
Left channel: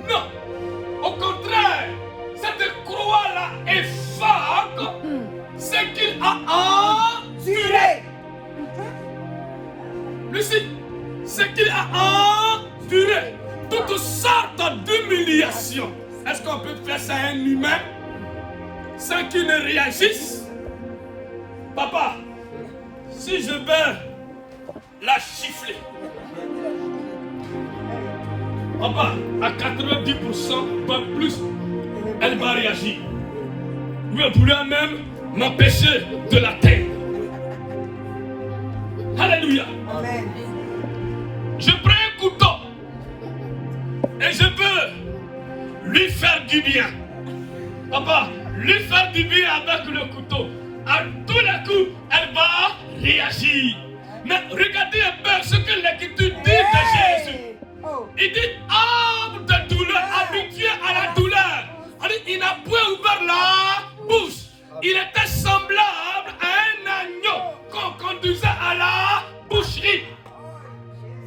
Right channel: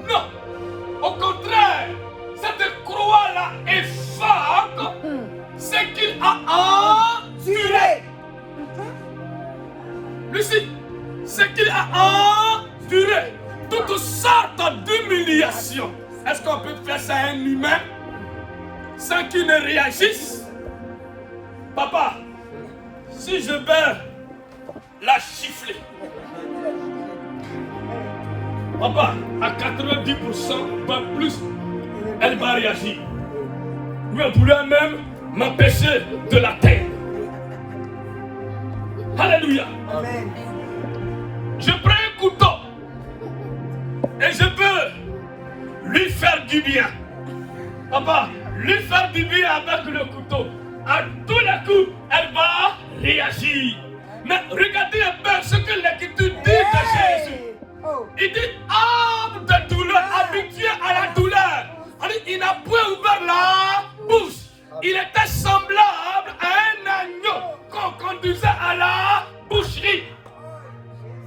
Non. Au contraire, cette croix-là efface ce qu'il a enduré. Lucie, ce qu'il a enduré. Toutes sortes d'humiliations. Est-ce qu'on peut faire ça à un humain sans qu'il ne réagisse? Papa, si je vais la chiffler, papa, à 90%, pas plus, elle va réagir. Vous pourrez même m'empêcher de la terre. Alléluia. Amen. Je prends un couteau et je veux lui faire du bien. Papa, lui faire du bien avec le couteau. À tous les coups, elle va réagir. Mais regardez un peu ce que l'Écriture dit de Jésus. Oh. Il dit âme de douleur, habitué à la douleur. Il n'a point ouvert la bouche. Il était semblable à un agneau qu'on conduisait à la boucherie.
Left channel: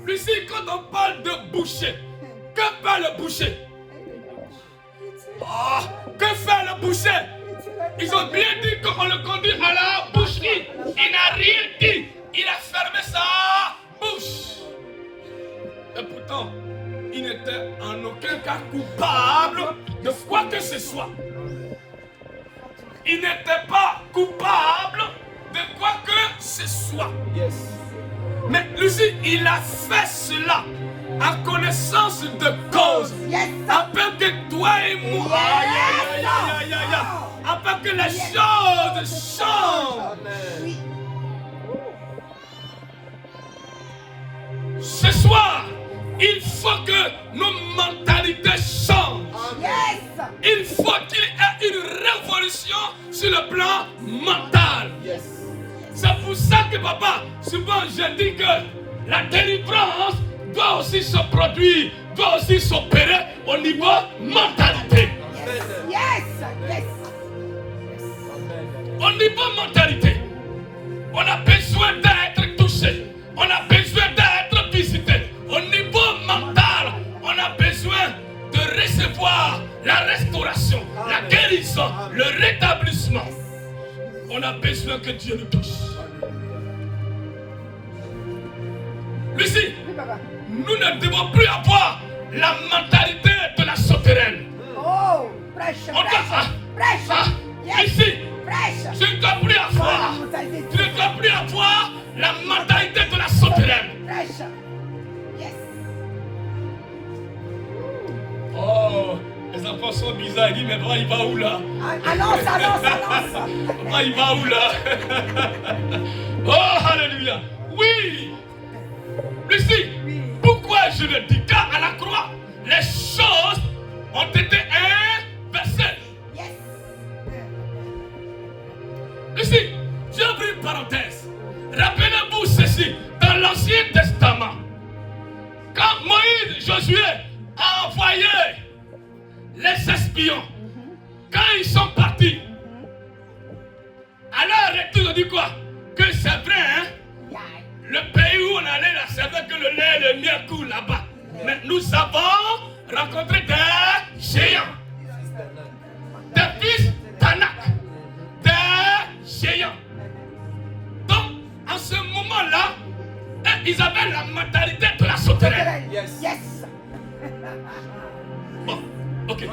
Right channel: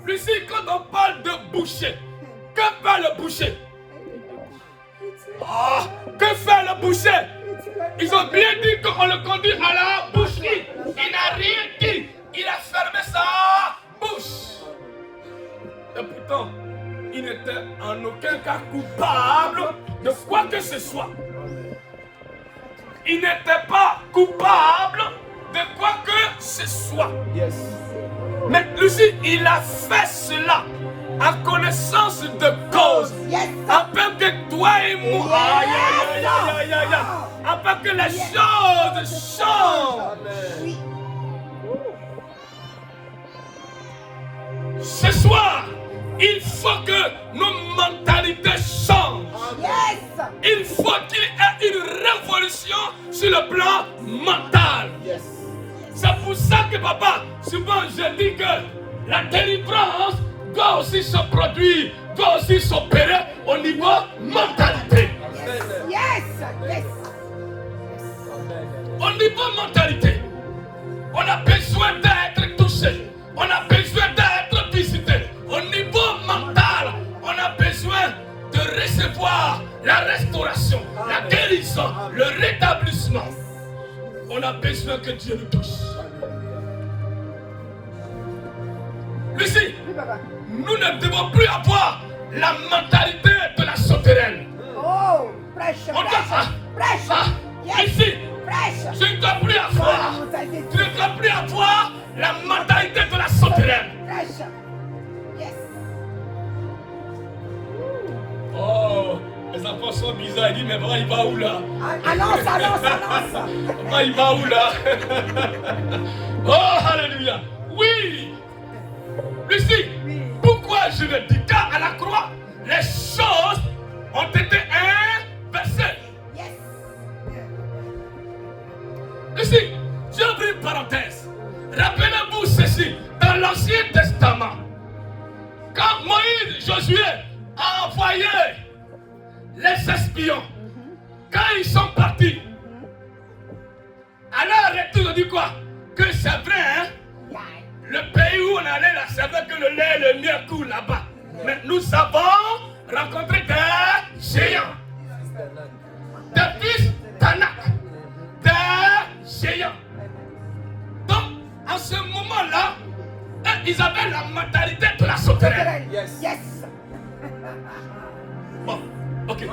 Lucie, quand on parle de boucher, que fait le boucher? Que fait le boucher? Ils ont bien dit qu'on le conduit à la boucherie. Il n'a rien dit. Il a fermé sa bouche. Et pourtant, il n'était en aucun cas coupable de quoi que ce soit. Il n'était pas coupable de quoi que ce soit. Mais Lucie, il a fait cela en connaissance de cause. Yes. Afin que toi et moi, aïe, aïe, aïe, aïe, aïe, aïe, aïe. Afin que les choses changent. Oui. Ce soir, il faut que nos mentalités changent. Yes. Il faut qu'il y ait une révolution sur le plan mental. Yes. C'est pour ça que papa, souvent je dis que la délivrance doit aussi se produire, doit aussi s'opérer au niveau mentalité. Yes. Yes. Au niveau mentalité, on a besoin d'être touché, on a besoin d'être visité. Au niveau mental, on a besoin de recevoir la restauration, la guérison, le rétablissement. On a besoin que Dieu nous touche. Lucie, Oui, papa. nous ne devons plus avoir la mentalité de la souterraine. Oh, prêche, On doit, prêche. Yes. ici, Prêche. tu ne dois plus avoir, tu ne dois plus avoir la mentalité de la souterraine. Prêche. Yes. Oh, les enfants sont bizarres. Ils disent, mais papa, il va où là? Annonce, annonce, annonce. Papa, il va où là? Oh, alléluia. Oui. Lucie, Oui. pourquoi je le dis? Car à la croix, les choses ont été inversées. Yes. Lucie, j'ouvre une parenthèse. Rappelez-vous ceci, dans l'Ancien Testament, quand Moïse, Josué a envoyé les espions, quand ils sont partis, alors retour, on dit quoi? Que c'est vrai, hein? Le pays où on allait, là, c'est vrai que le lait et le miel coulent là-bas. Mais nous avons rencontré des géants, des fils d'Anak, des géants. Donc, en ce moment-là, ils avaient la mentalité de la souterraine. Yes. Yes. Bon, ok.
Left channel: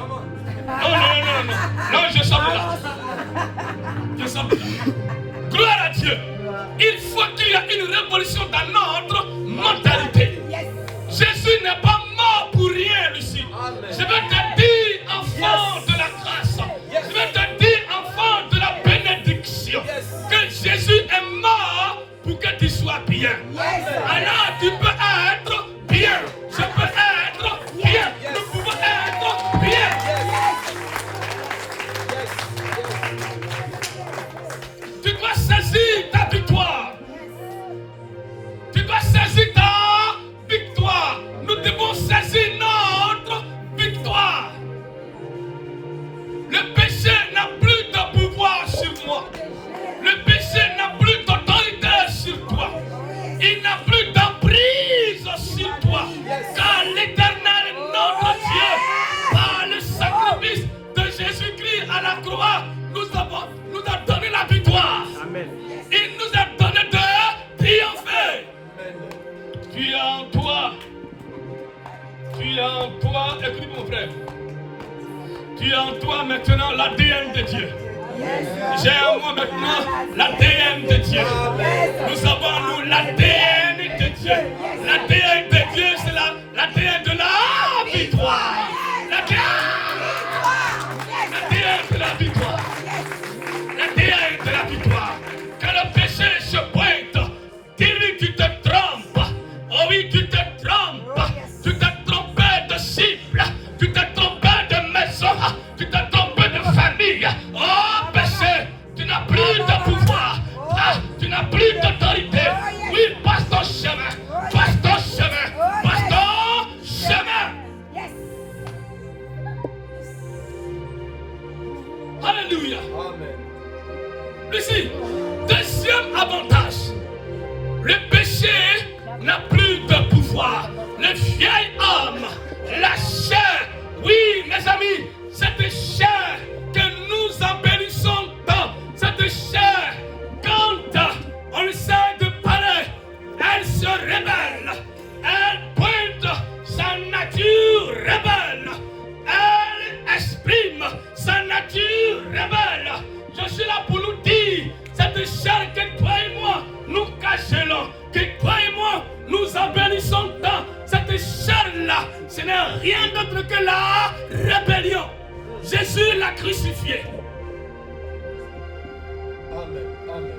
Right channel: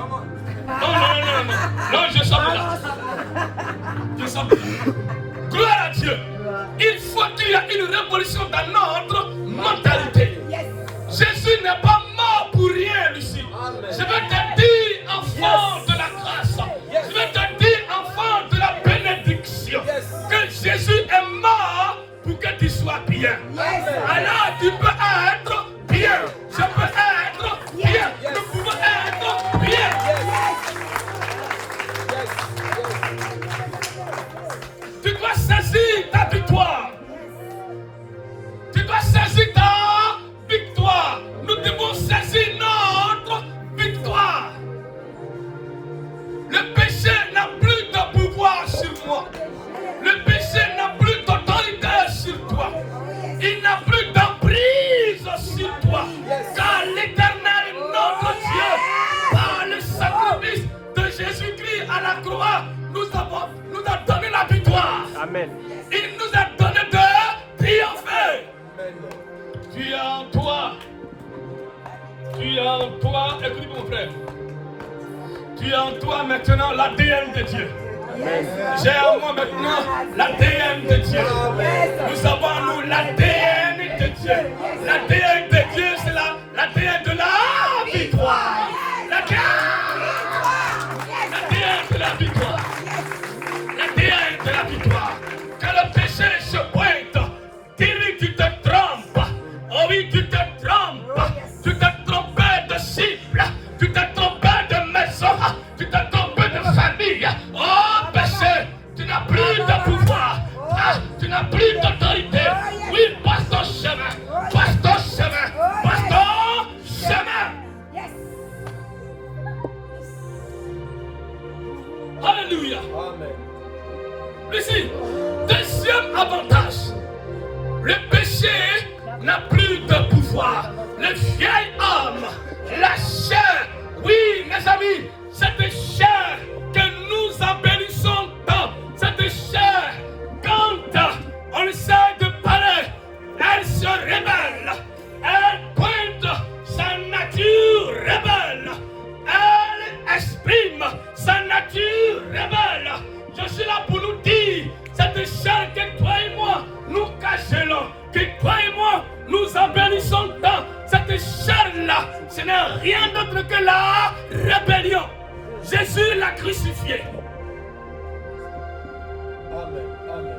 Non, je sors de là. Je sors de là. Gloire à Dieu. Il faut qu'il y ait une révolution dans notre mentalité. Yes. Jésus n'est pas mort pour rien, Lucie. Amen. Je vais te dire, enfant de la grâce. Yes. Je vais te dire, enfant de la bénédiction. Yes. Que Jésus est mort pour que tu sois bien. Yes. Alors tu peux être bien. Je peux être bien. Yes. Nous pouvons être bien. Tu dois saisir ta victoire. Tu dois saisir ta victoire. Nous devons saisir notre victoire. Le péché n'a plus de pouvoir sur moi. Le péché n'a plus d'autorité sur toi. Il n'a plus d'emprise sur toi. Car l'Éternel, notre Dieu, par le sacrifice de Jésus-Christ à la croix, nous a donné la victoire. Amen. Il nous a donné de triompher. Tu es en toi. Tu es en toi. Écoute mon frère. Tu es en toi maintenant l'ADN de Dieu. J'ai en moi maintenant l'ADN de Dieu. Nous avons nous l'ADN de Dieu. L'ADN de Dieu, c'est l'ADN de la victoire. L'ADN de la victoire. L'ADN de la victoire. Que le péché se pointe. Dis-lui, tu te trompes. Oh oui, tu te trompes. Tu t'es trompé de cible. Tu t'es trompé de maison. Tu t'es trompé de famille. Oh péché, tu n'as plus de pouvoir. Ah, tu n'as plus d'autorité. Oui, passe ton chemin. Passe ton chemin. Passe ton chemin. Yes. Alléluia. Amen. Lucie, deuxième avantage. Le péché n'a plus de pouvoir. Le vieil homme, la chair. Oui, mes amis, cette chair que nous embellissons tant, cette chair, quand on essaie de parler, elle se rebelle. Elle pointe sa nature rebelle. Elle exprime sa nature rebelle. Je suis là pour nous dire, cette chair que toi et moi nous cachelons, que toi et moi nous embellissons tant, cette chair-là, ce n'est rien d'autre que la rébellion. Jésus l'a crucifié. Amen. Amen.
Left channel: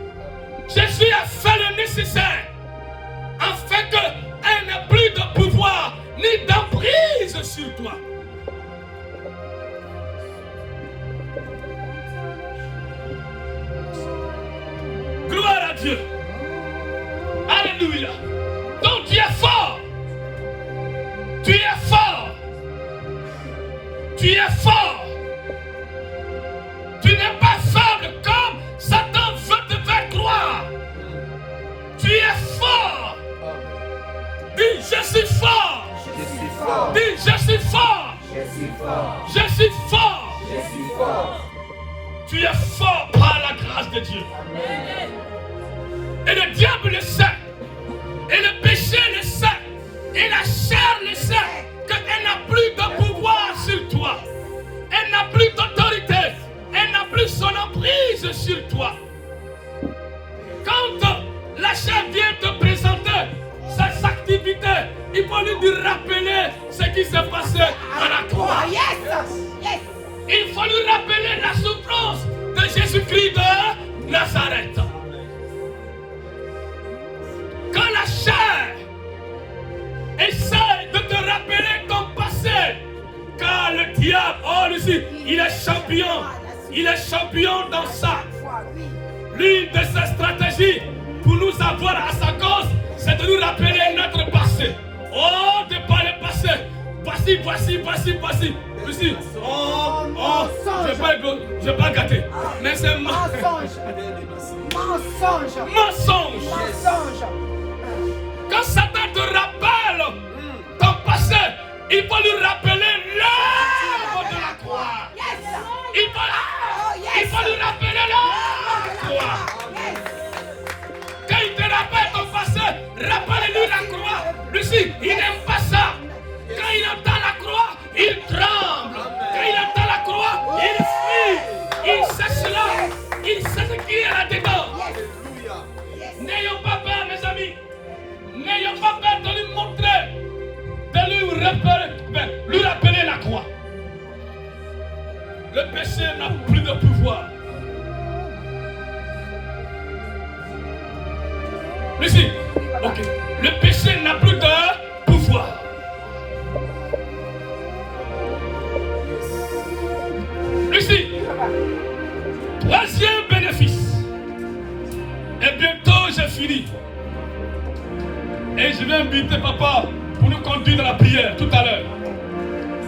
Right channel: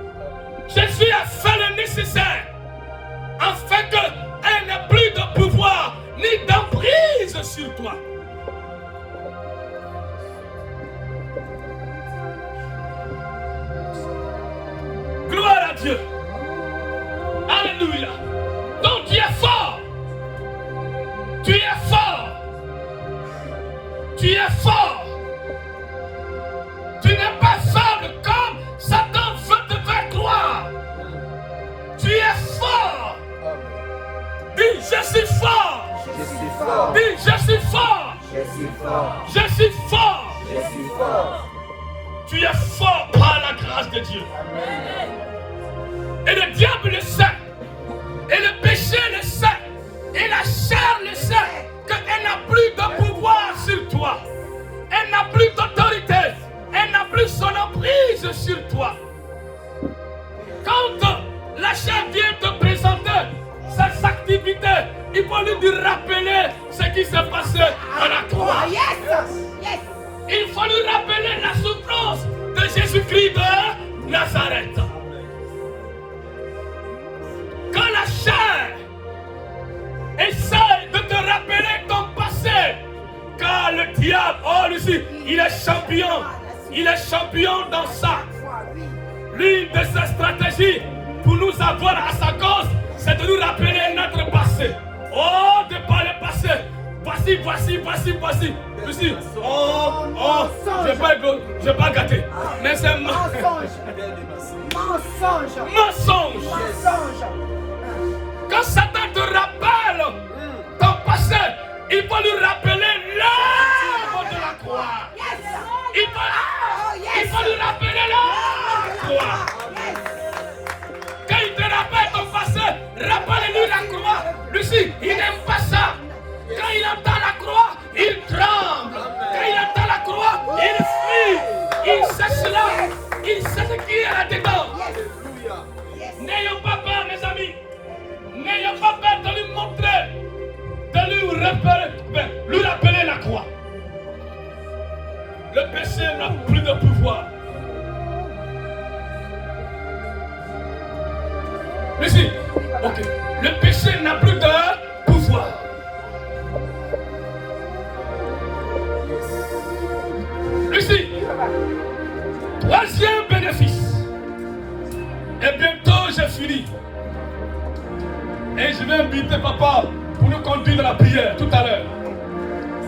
Jésus a fait le nécessaire afin qu'elle n'ait plus de pouvoir ni d'emprise sur toi. Gloire à Dieu. Alléluia. Donc tu es fort. Tu es fort. Tu es fort. Tu n'es pas faible comme Satan veut te faire croire. Tu es fort. Dis, je suis fort. Je suis fort. Dis, je suis fort. Je suis fort. Je suis fort. Je suis fort. Tu es fort par la grâce de Dieu. Et le diable le sait. Et le péché le sait. Et la chair le sait. Qu'elle n'a plus de pouvoir sur toi. Elle n'a plus d'autorité. Elle n'a plus son emprise sur toi. Quand la chair vient te présenter ses activités, il faut lui rappeler ce qui s'est passé à la croix. Il faut lui rappeler la souffrance de Jésus-Christ de Nazareth. Quand la chair essaie de te rappeler ton passé, car le diable, oh Lucie, il est champion. Il est champion dans ça. L'une de ses stratégies pour nous avoir à sa cause, c'est de nous rappeler notre passé. Oh, de par le passé. Voici. Lucie, je vais pas gâter. Mais c'est mensonge. Quand Satan te rappelle ton passé, il faut lui rappeler l'œuvre de la croix. Il faut lui rappeler l'œuvre de la croix. Quand il te rappelle ton passé, rappelle-lui la croix. Lucie, il n'aime pas ça. Quand il entend la croix, il tremble. Quand il entend la croix, il fuit. Il sait cela. Il sait ce qu'il y a là-dedans. N'ayons pas peur, mes amis. N'ayons pas peur de lui montrer, de lui rappeler la croix. Le péché n'a plus de pouvoir. Lucie, ok. Le péché n'a plus de pouvoir. Lucie, troisième bénéfice. Et bientôt j'ai fini. Et je vais inviter papa pour nous conduire dans la prière tout à l'heure.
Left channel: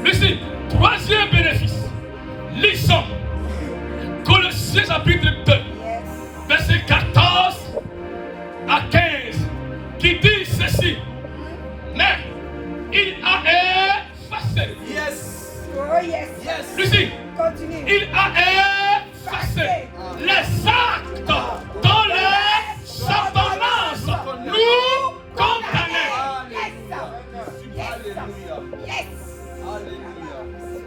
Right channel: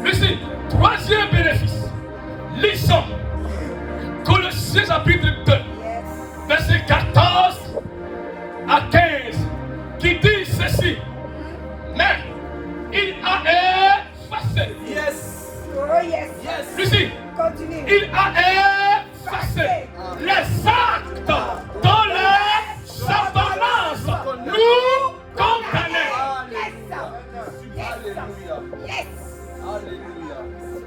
Lucie, troisième bénéfice. Lisons Colossiens chapitre 2, verset 14 à 15, qui dit ceci. Mais il a effacé. Lucie, il a effacé les actes dont les ordonnances nous condamnaient. Alléluia.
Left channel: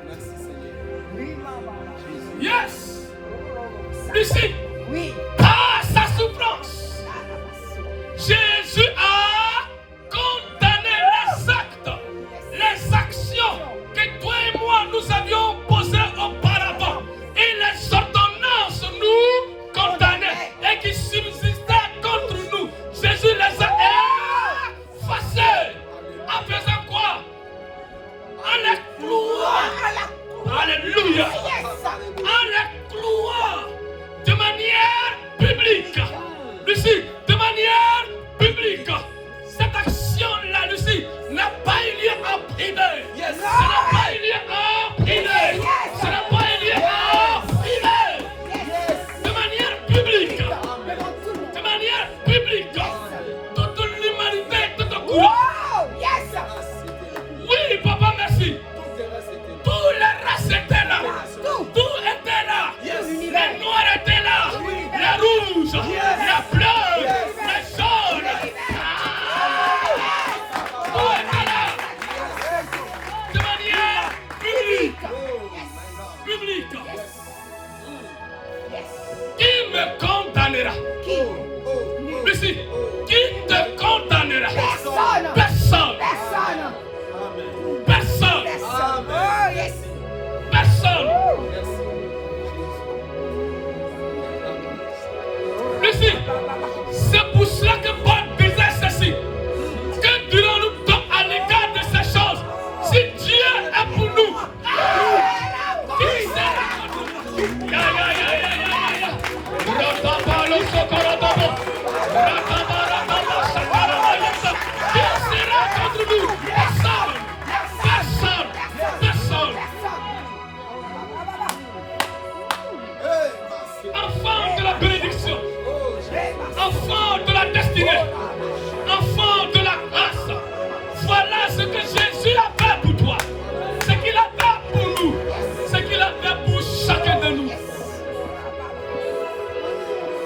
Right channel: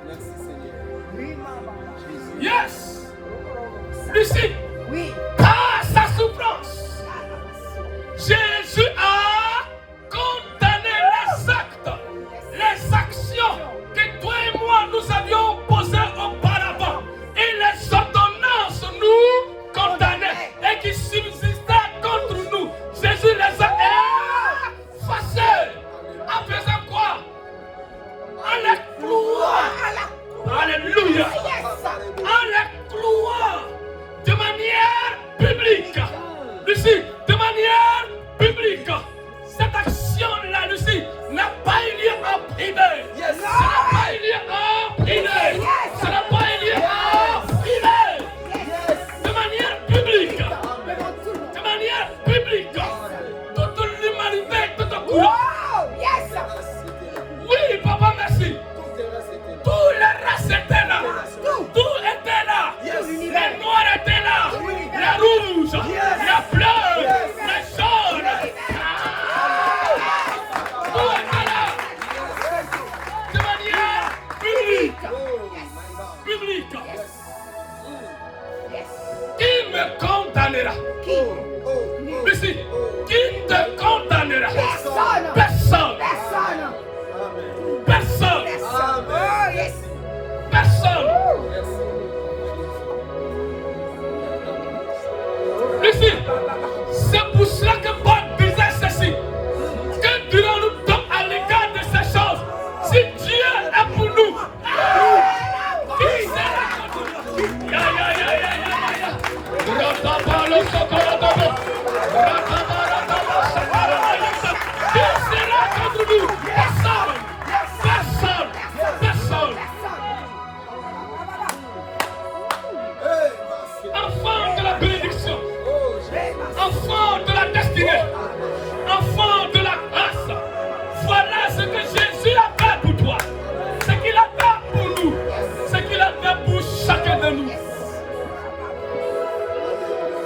Merci Seigneur. Yes. Lucie, Oui. par sa souffrance, Jésus a condamné les actions que toi et moi nous avions posées auparavant. Et les ordonnances nous condamnaient et qui subsistaient contre nous. Jésus les a effacées. En faisant quoi? En les clouant. Alléluia. En les clouant de manière publique. Lucie, de manière publique. Cette action-là, Lucie, n'a pas eu lieu en privé. Ça n'a pas eu lieu en privé. Ça n'a pas eu lieu en privé. De manière publique. De manière publique. Toute l'humanité, toute couleur. Oui, papa, merci. Tout le reste était là. Tout était là. Les noirs étaient là. Les rouges, les bleus, les jaunes. Tout était là. De manière publique. Publique. Qui me condamnera? Lucie, qui te condamnera? Personne. Personne. Personne. Lucie, c'est pour cela que Paul disait ceci. Que dirons-nous donc à l'égard de ces choses? Si Dieu est pour nous, qui sera contre nous? Qui sera contre nous? Personne. Personne. Personne. Enfant de la bénédiction, enfant de la destinée, enfant de la grâce, voilà ce que Jésus a fait pour toi, ce qu'il a fait pour nous, ce qu'il a fait pour chacun de nous.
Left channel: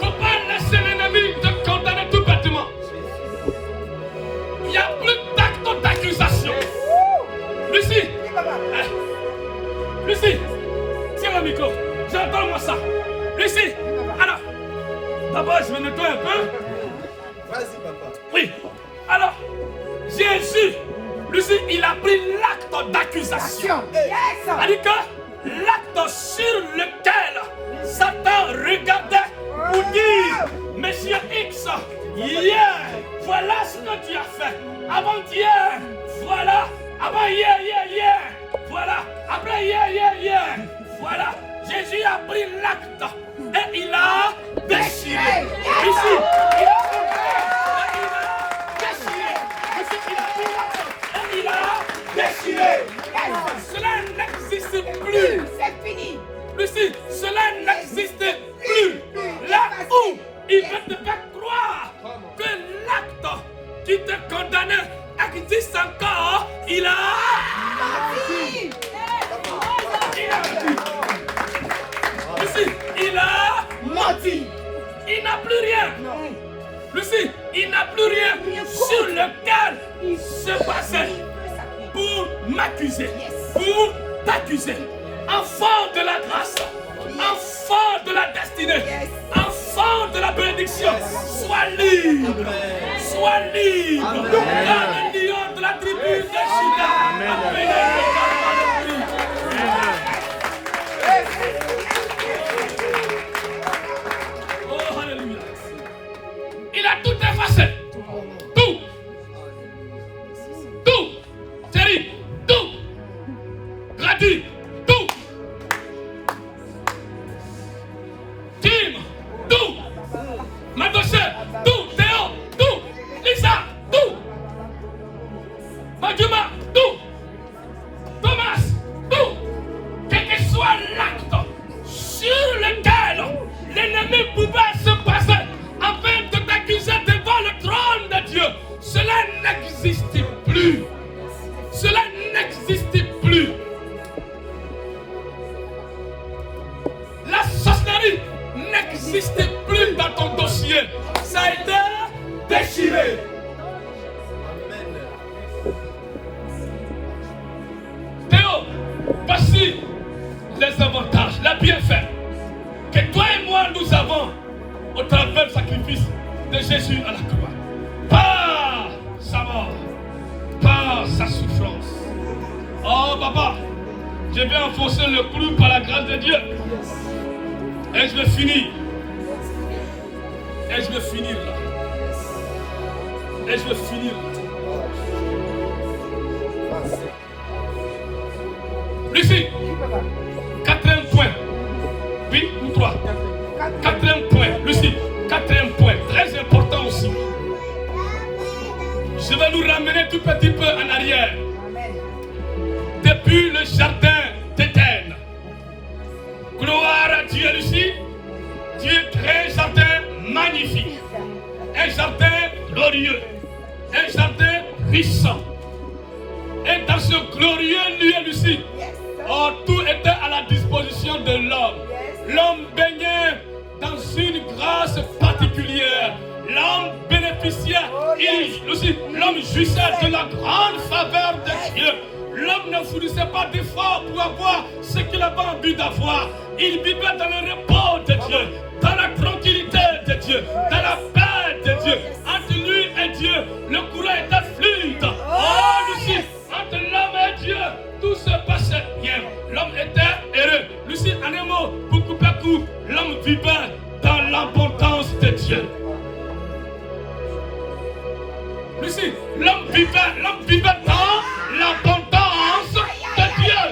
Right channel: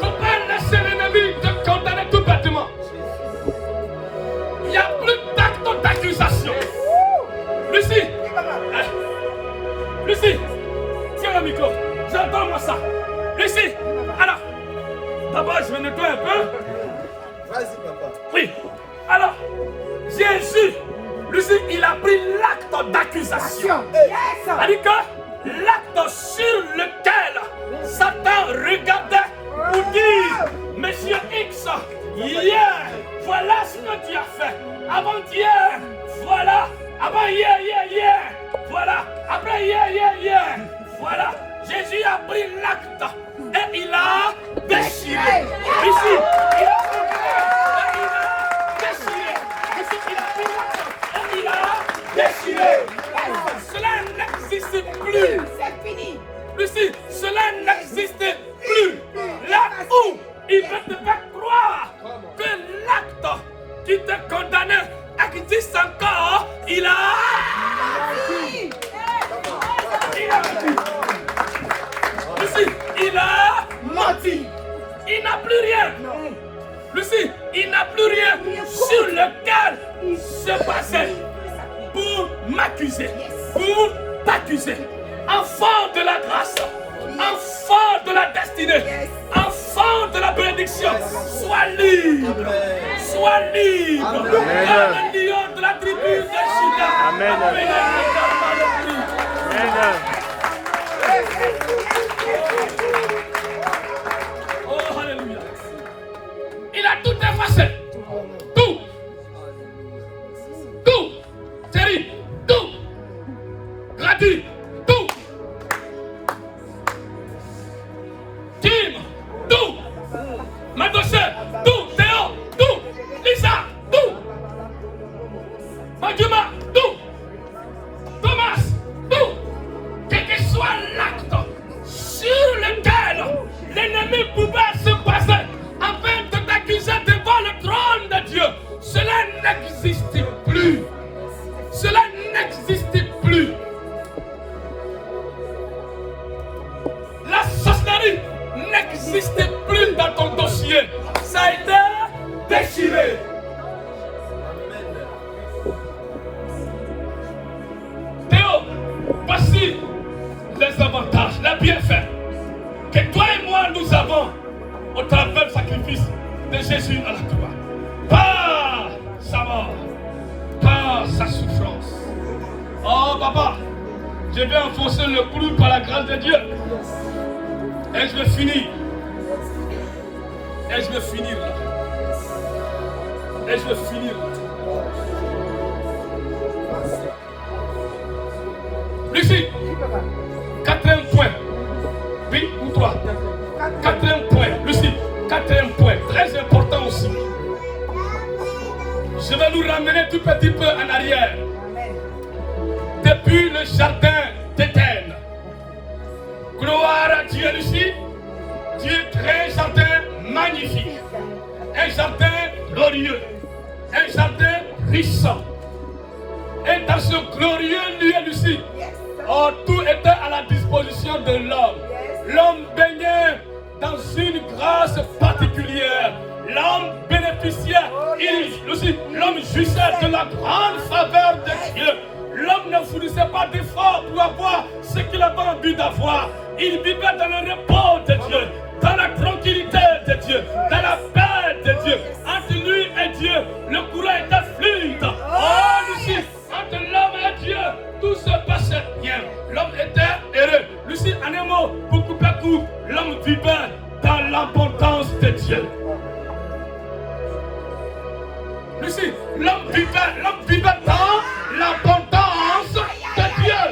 Faut pas laisser l'ennemi te condamner tout bêtement. Il n'y a plus d'acte d'accusation. Lucie, Lucie, tiens le micro, j'entends-moi ça. Lucie, alors, d'abord je vais nettoyer un peu. Vas-y, papa. Oui, alors, Jésus, Lucie, il a pris l'acte d'accusation. C'est-à-dire que l'acte sur lequel Satan regardait pour dire, Monsieur X, hier, voilà ce que tu as fait. Avant-hier, voilà. Avant hier, voilà. Après hier, voilà. Jésus a pris l'acte et il a déchiré. Ici, il a déchiré. Ici, il a pris l'acte et il a déchiré. Cela n'existe plus. C'est fini. Lucie, cela n'existe plus. Là où il veut te faire croire que l'acte qui te condamnait existe encore, il a menti. Lucie, il a menti. Il n'a plus rien. Lucie, il n'a plus rien sur lequel se baser pour m'accuser, pour t'accuser. Enfant de la grâce, enfant de la destinée, enfant de la bénédiction, sois libre. Sois libre. Dans le lion de la tribu de Juda. Amen. Oh, alléluia. Il a tout effacé. Tout. Tout. Thierry. Tout. Gratuit. Tout. Kim. Tout. Madossé. Tout. Théo. Tout. Lisa. Tout. Madjuma. Tout. Thomas. Tout. Quel que soit l'acte sur lequel l'ennemi pouvait se baser afin de t'accuser devant le trône de Dieu, cela n'existe plus. Cela n'existe plus. La sorcellerie n'existe plus dans ton dossier. Ça a été déchiré. Théo, voici les avantages, les bienfaits que toi et moi nous avons au travers du sacrifice de Jésus à la croix. Pas sa mort, pas sa souffrance. Oh papa, je vais enfoncer le clou par la grâce de Dieu. Et je vais finir. Et je vais finir là. Et je vais finir là. Lucie, quatrième point. Oui ou trois? Quatrième point. Lucie, quatrième point. Très important aussi. Je vais nous ramener tout petit peu en arrière. Depuis le jardin d'Éden. Gloire à Dieu, Lucie. Dieu crée un jardin magnifique. Un jardin glorieux. Un jardin riche. Et dans ce glorieux lieu, Lucie, oh, tout était à la disposition de l'homme. L'homme baignait dans une grâce particulière. L'homme bénéficiait, l'homme jouissait de la grande faveur de Dieu. L'homme ne fournissait pas d'efforts pour avoir ce qu'il avait envie d'avoir. Il vivait dans le repos de Dieu, dans la tranquillité de Dieu, dans la paix de Dieu. Entre lui et Dieu, le courant était fluide. Oh, Lucie, entre l'homme et Dieu, tout se passait bien. L'homme était heureux. Lucie, en un mot, pour couper court, l'homme vivait dans l'abondance de Dieu. Lucie, l'homme vivait dans l'abondance de Dieu.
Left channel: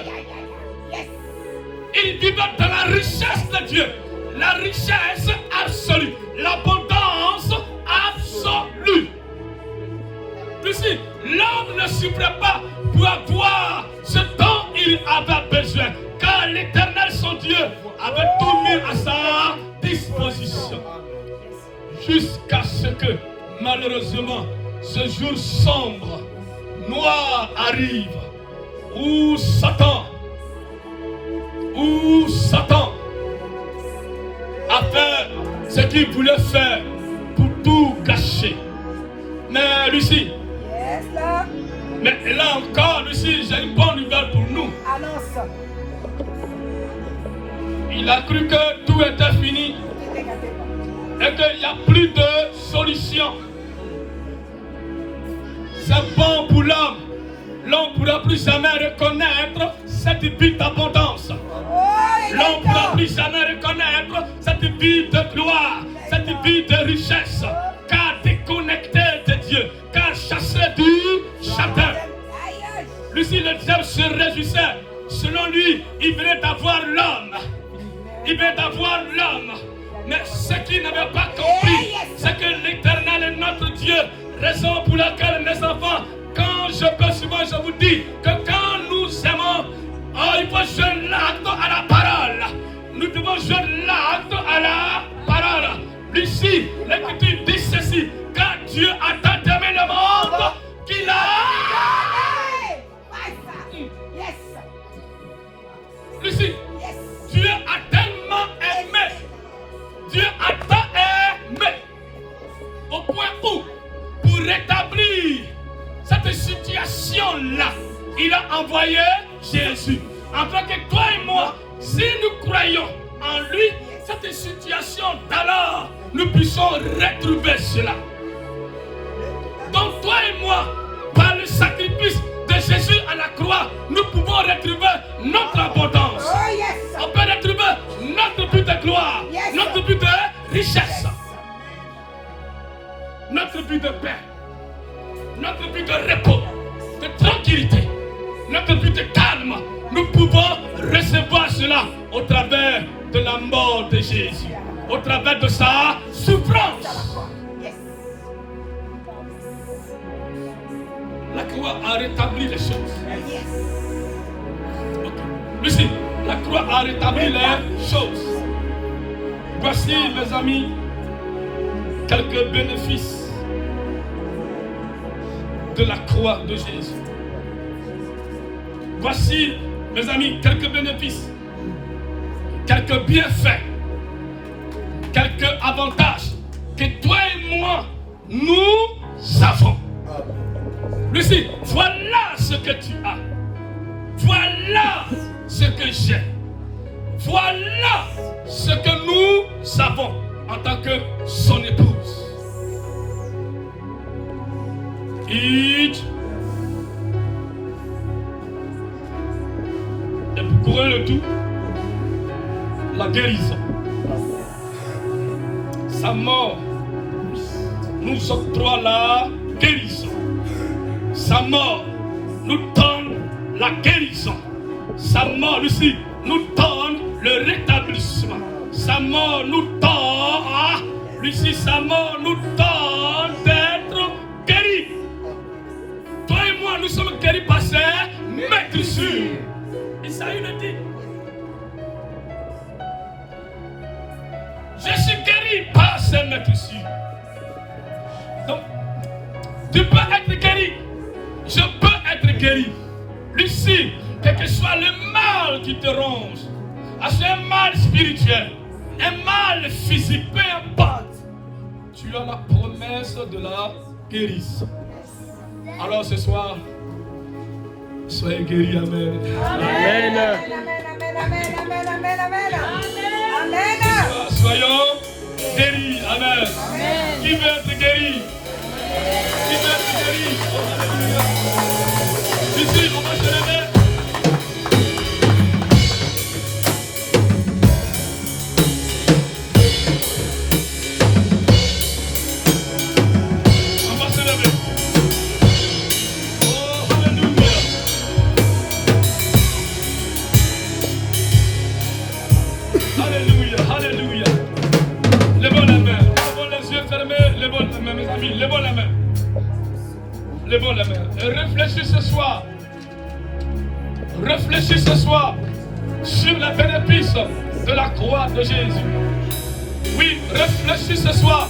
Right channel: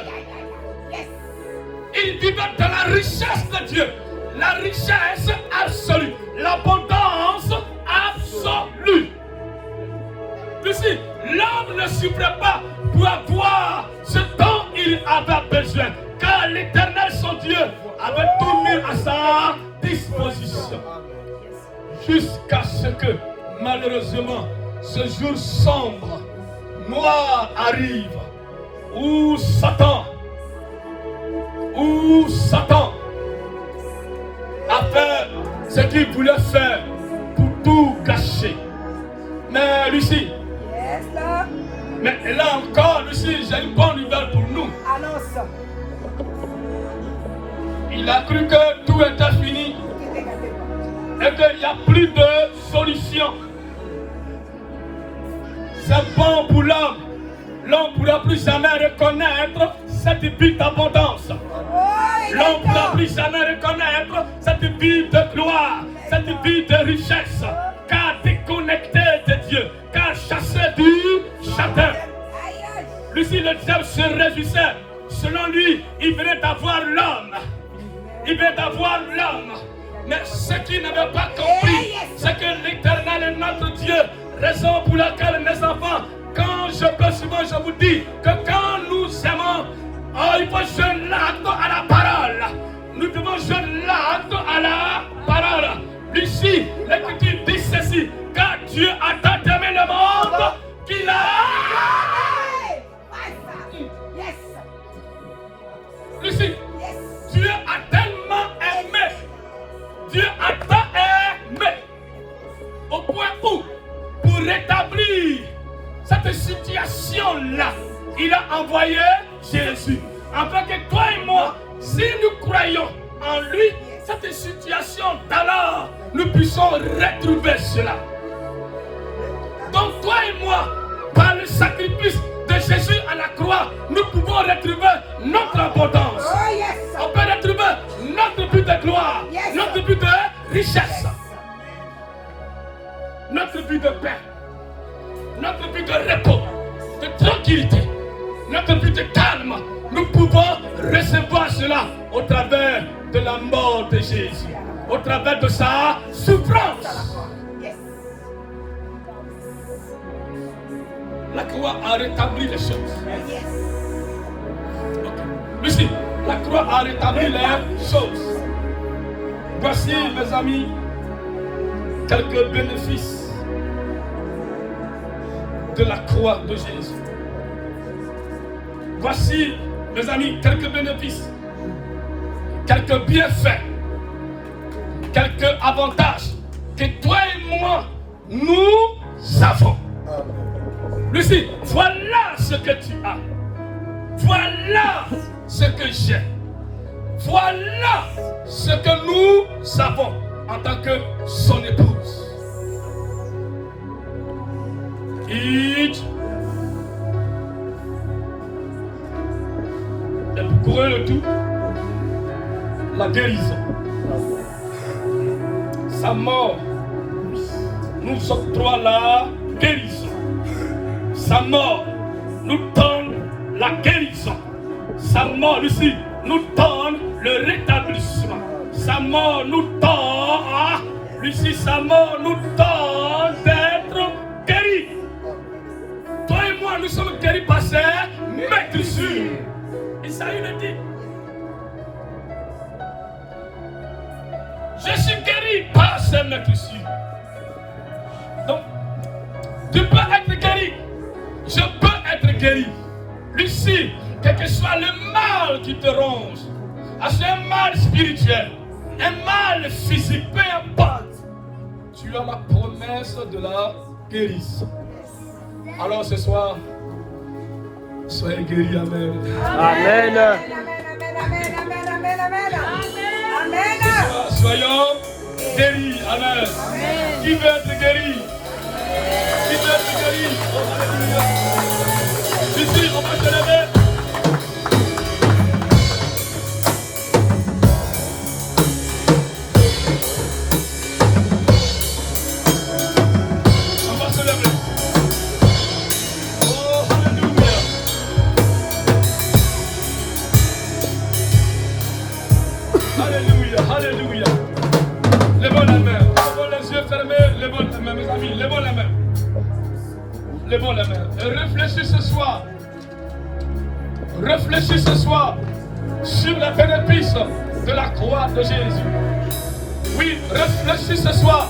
Il vivait dans la richesse de Dieu. La richesse absolue. L'abondance absolue. Lucie, l'homme ne souffrait pas pour avoir ce dont il avait besoin. Car l'Éternel, son Dieu, avait tout mis à sa disposition. Jusqu'à ce que, malheureusement, ce jour sombre, noir arrive, où Satan a fait ce qu'il voulait faire pour tout gâcher. Mais Lucie, mais là encore, Lucie, j'ai une bonne nouvelle pour nous. Annonce. Il a cru que tout était fini et qu'il n'y a plus de solution. C'est bon pour l'homme. L'homme ne pourra plus jamais reconnaître cette vie d'abondance. L'homme ne pourra plus jamais reconnaître cette vie de gloire, cette vie de richesse. Car déconnecté de Dieu, car chassé du châtain. Lucie, le diable se réjouissait. Selon lui, il venait d'avoir l'homme. Il venait d'avoir l'homme. Mais ce qu'il n'avait pas compris, c'est que l'Éternel est notre Dieu. Raison pour laquelle, mes enfants, quand je peux souvent, je vous dis que quand nous aimons, il faut jouer l'acte à la parole. Nous devons jouer l'acte à la parole. Lucie, l'Écriture dit ceci: car Dieu a tant aimé le monde qu'il a. Lucie, Dieu a tellement aimé. Dieu a tant aimé. Au point où, pour rétablir cette situation-là, il a envoyé Jésus. Afin que toi et moi, si nous croyons en lui, cette situation d'alors, nous puissions retrouver cela. Donc toi et moi, par le sacrifice de Jésus à la croix, nous pouvons retrouver notre abondance. On peut retrouver notre but de gloire, notre but de richesse, notre but de paix, notre but de repos, de tranquillité, notre but de calme. Nous pouvons recevoir cela au travers de la mort de Jésus, au travers de sa souffrance. La croix a rétabli les choses. Okay. Lucie, la croix a rétabli les choses. Voici, mes amis, quelques bénéfices de la croix de Jésus. Voici, mes amis, quelques bénéfices, quelques bienfaits, quelques avantages que toi et moi, nous avons. Lucie, voilà ce que tu as. Voilà ce que j'ai. Voilà ce que nous avons en tant que son épouse. Et pour couronner le tout, la guérison. Sa mort nous octroie la guérison. Sa mort nous donne la guérison. Sa mort, Lucie, nous donne le rétablissement. Sa mort nous donne, Lucie, sa mort nous donne d'être guéris. Toi et moi, nous sommes guéris par ses maîtrisures. Isaïe le dit. Je suis guéri par ses maîtrisures. Donc, tu peux être guéri. Je peux être guéri. Lucie, quel que soit le mal qui te ronge, c'est un mal spirituel, un mal physique, peu importe, tu as la promesse de la guérison. Alors ce soir, soyez guéris, amen. Amen. Ce soir, soyons guéris, amen. Qui veut être guéri? Qui veut être guéri? Oh, alléluia. Ici, on va se lever. Alléluia. Levons la main. Levons les yeux fermés. Levons la main, mes amis. Levons la main. Levons la main. Et réfléchis ce soir. Réfléchis ce soir sur les bénéfices de la croix de Jésus. Oui, réfléchis ce soir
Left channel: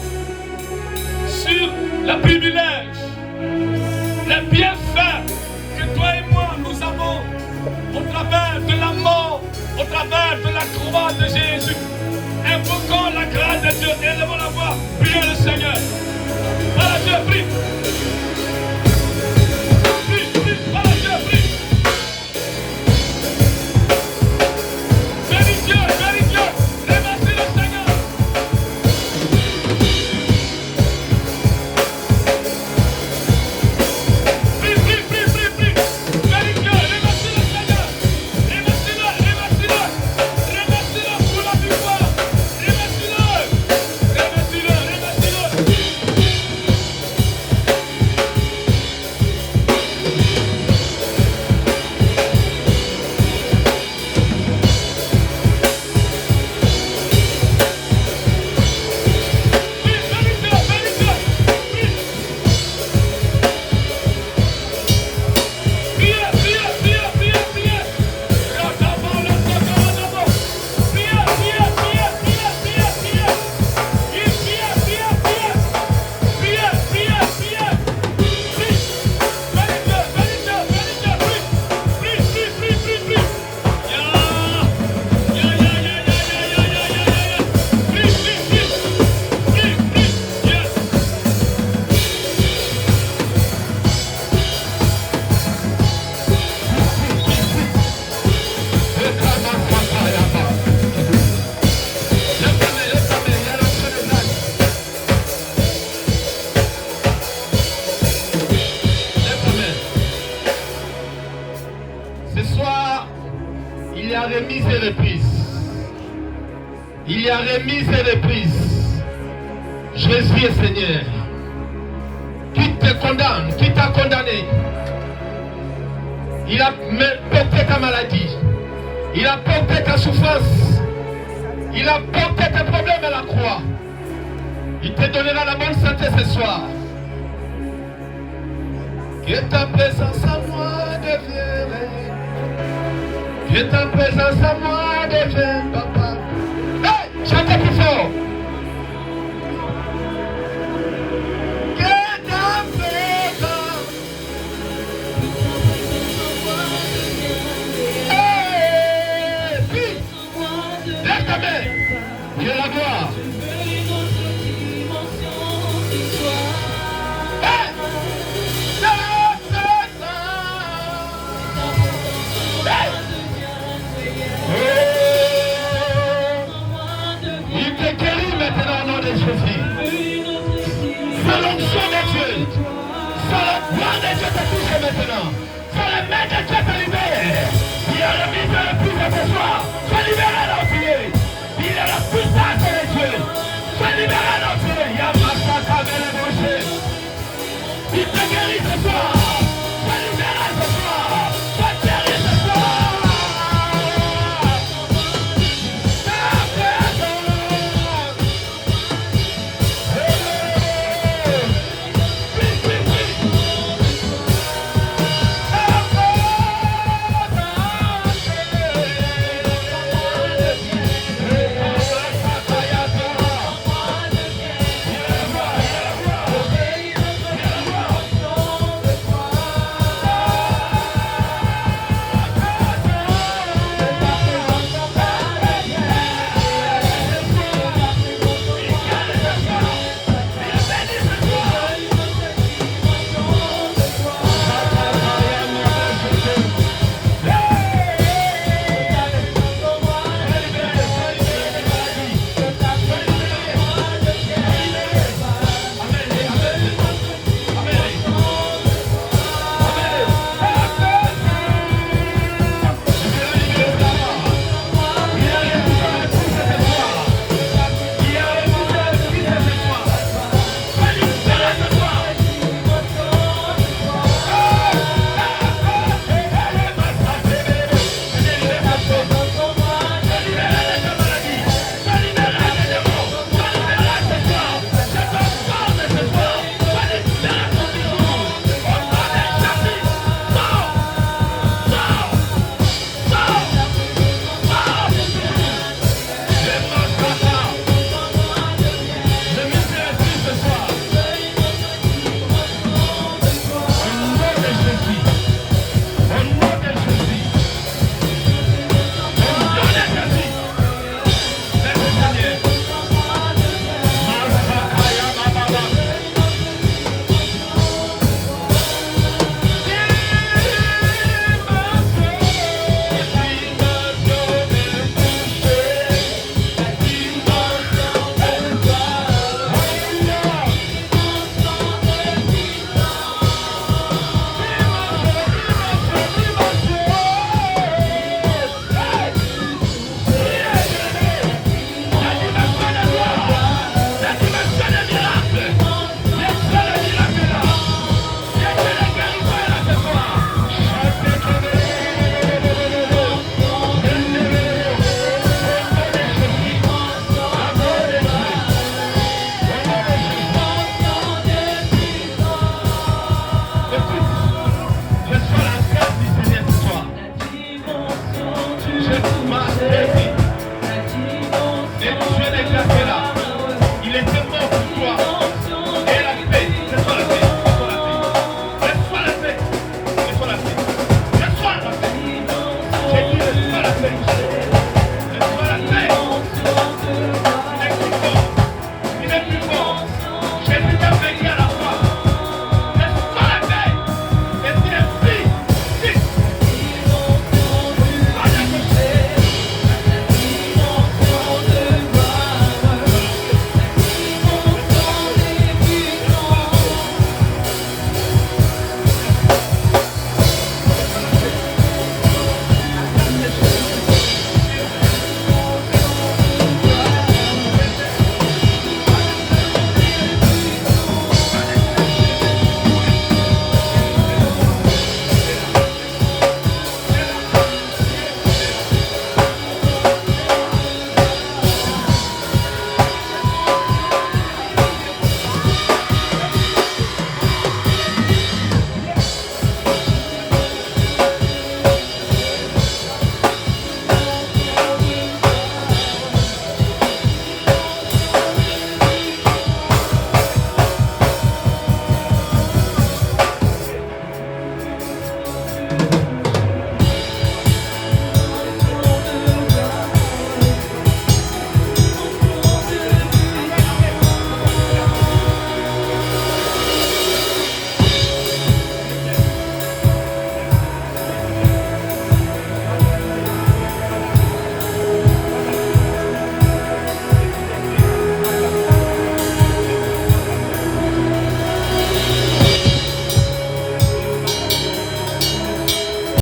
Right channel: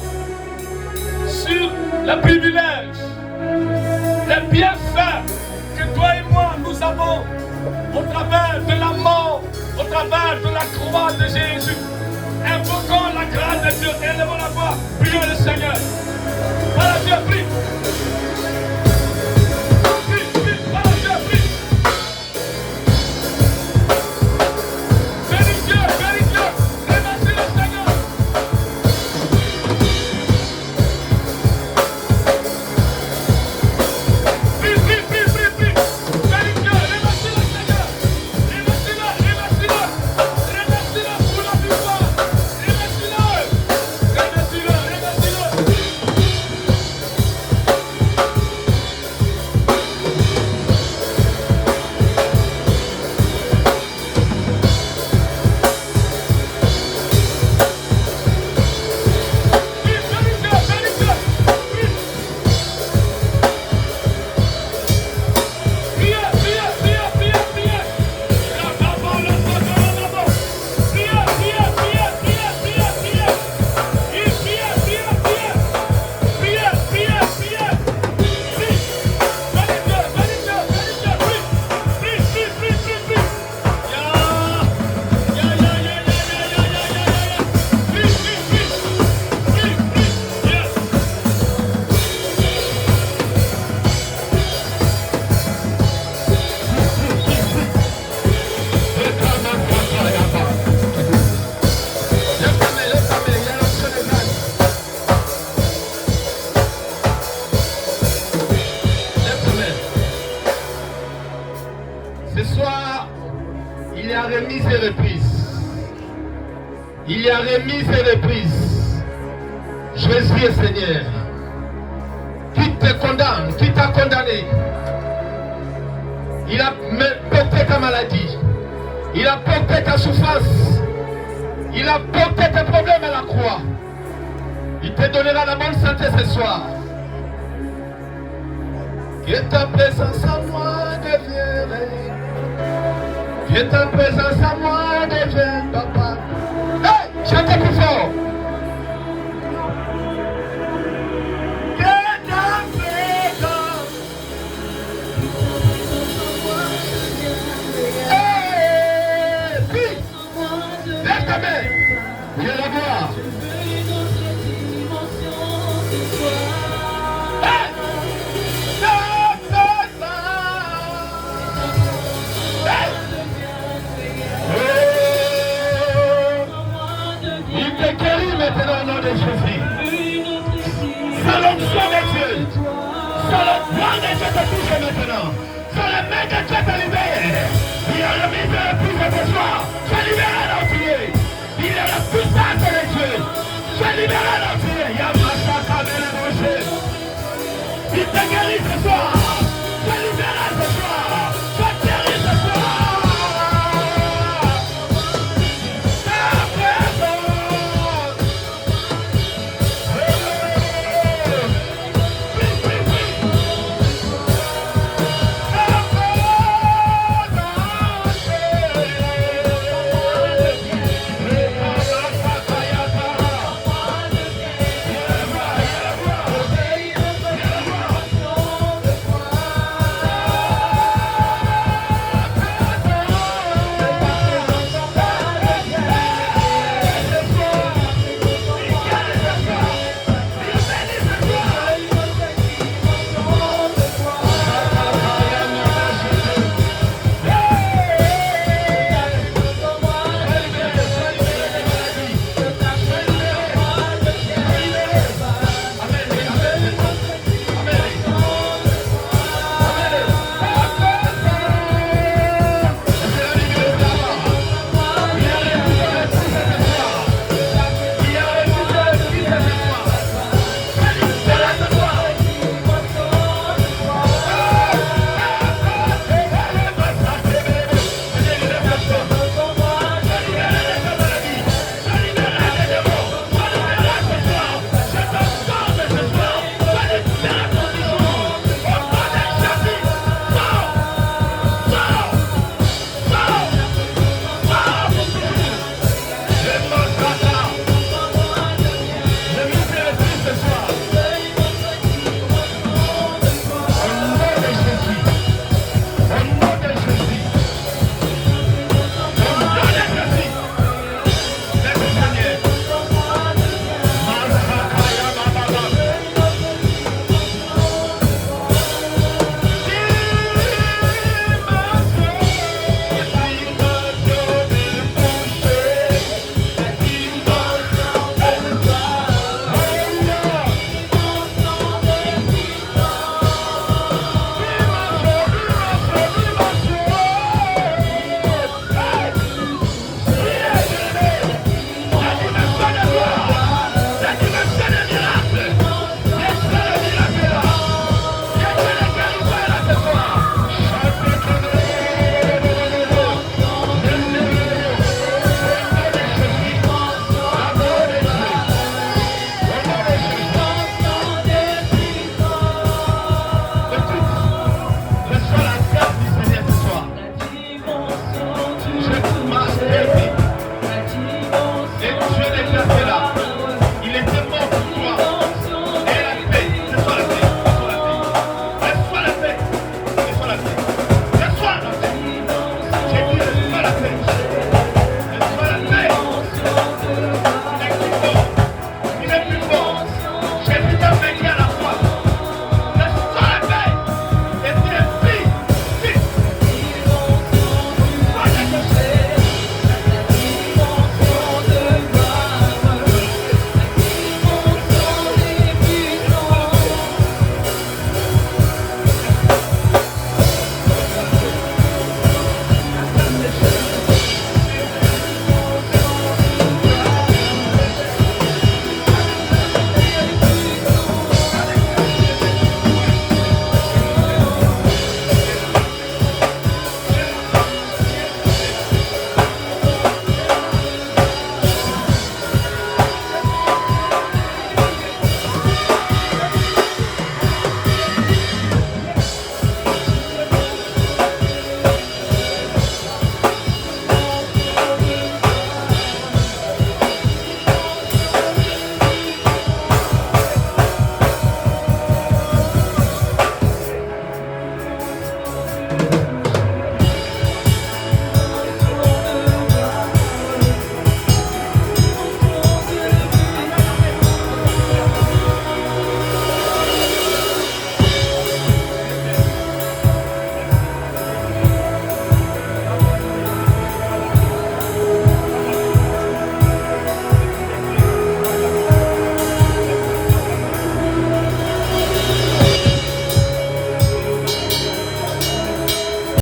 sur les privilèges, les bienfaits que toi et moi nous avons au travers de la mort, au travers de la croix de Jésus. Invoquons la grâce de Dieu, élevons la voix, prions le Seigneur. Voilà, Dieu, prie. Prie, prie, voilà, Dieu, prie. Bénis Dieu, remercie le Seigneur. Prie, prie, prie, prie, prie. Bénis Dieu, remercie le Seigneur. Remercie-le, remercie-le. Remercie-le pour la victoire. Remercie-le. Remercie-le, remercie-le. Ce soir, il y a remise et reprise. Il y a remise et reprise. Jésus est Seigneur. Qui te condamne, qui t'a condamné. Il a porté ta maladie. Il a porté ta souffrance. Il a porté tes problèmes à la croix. Il te donnera la bonne santé ce soir. Que ta présence à moi devienne. Que ta présence à moi devienne, papa. Hey, chantez plus fort. Que ta présence. Hey, puis, lève ta main. Je la vois. Hey, ta présence. Hey. Il te guérit maintenant au nom de Jésus. C'est l'onction de Dieu. C'est le droit de Dieu te touche maintenant. C'est le main de Dieu te libère. Il y a le misère le plus de ce soir. Sois libéré d'enfiler. Il y a la puissance de Dieu. Sois libéré d'enfiler. Il y a ma chance à venir boucher. Il te guérit.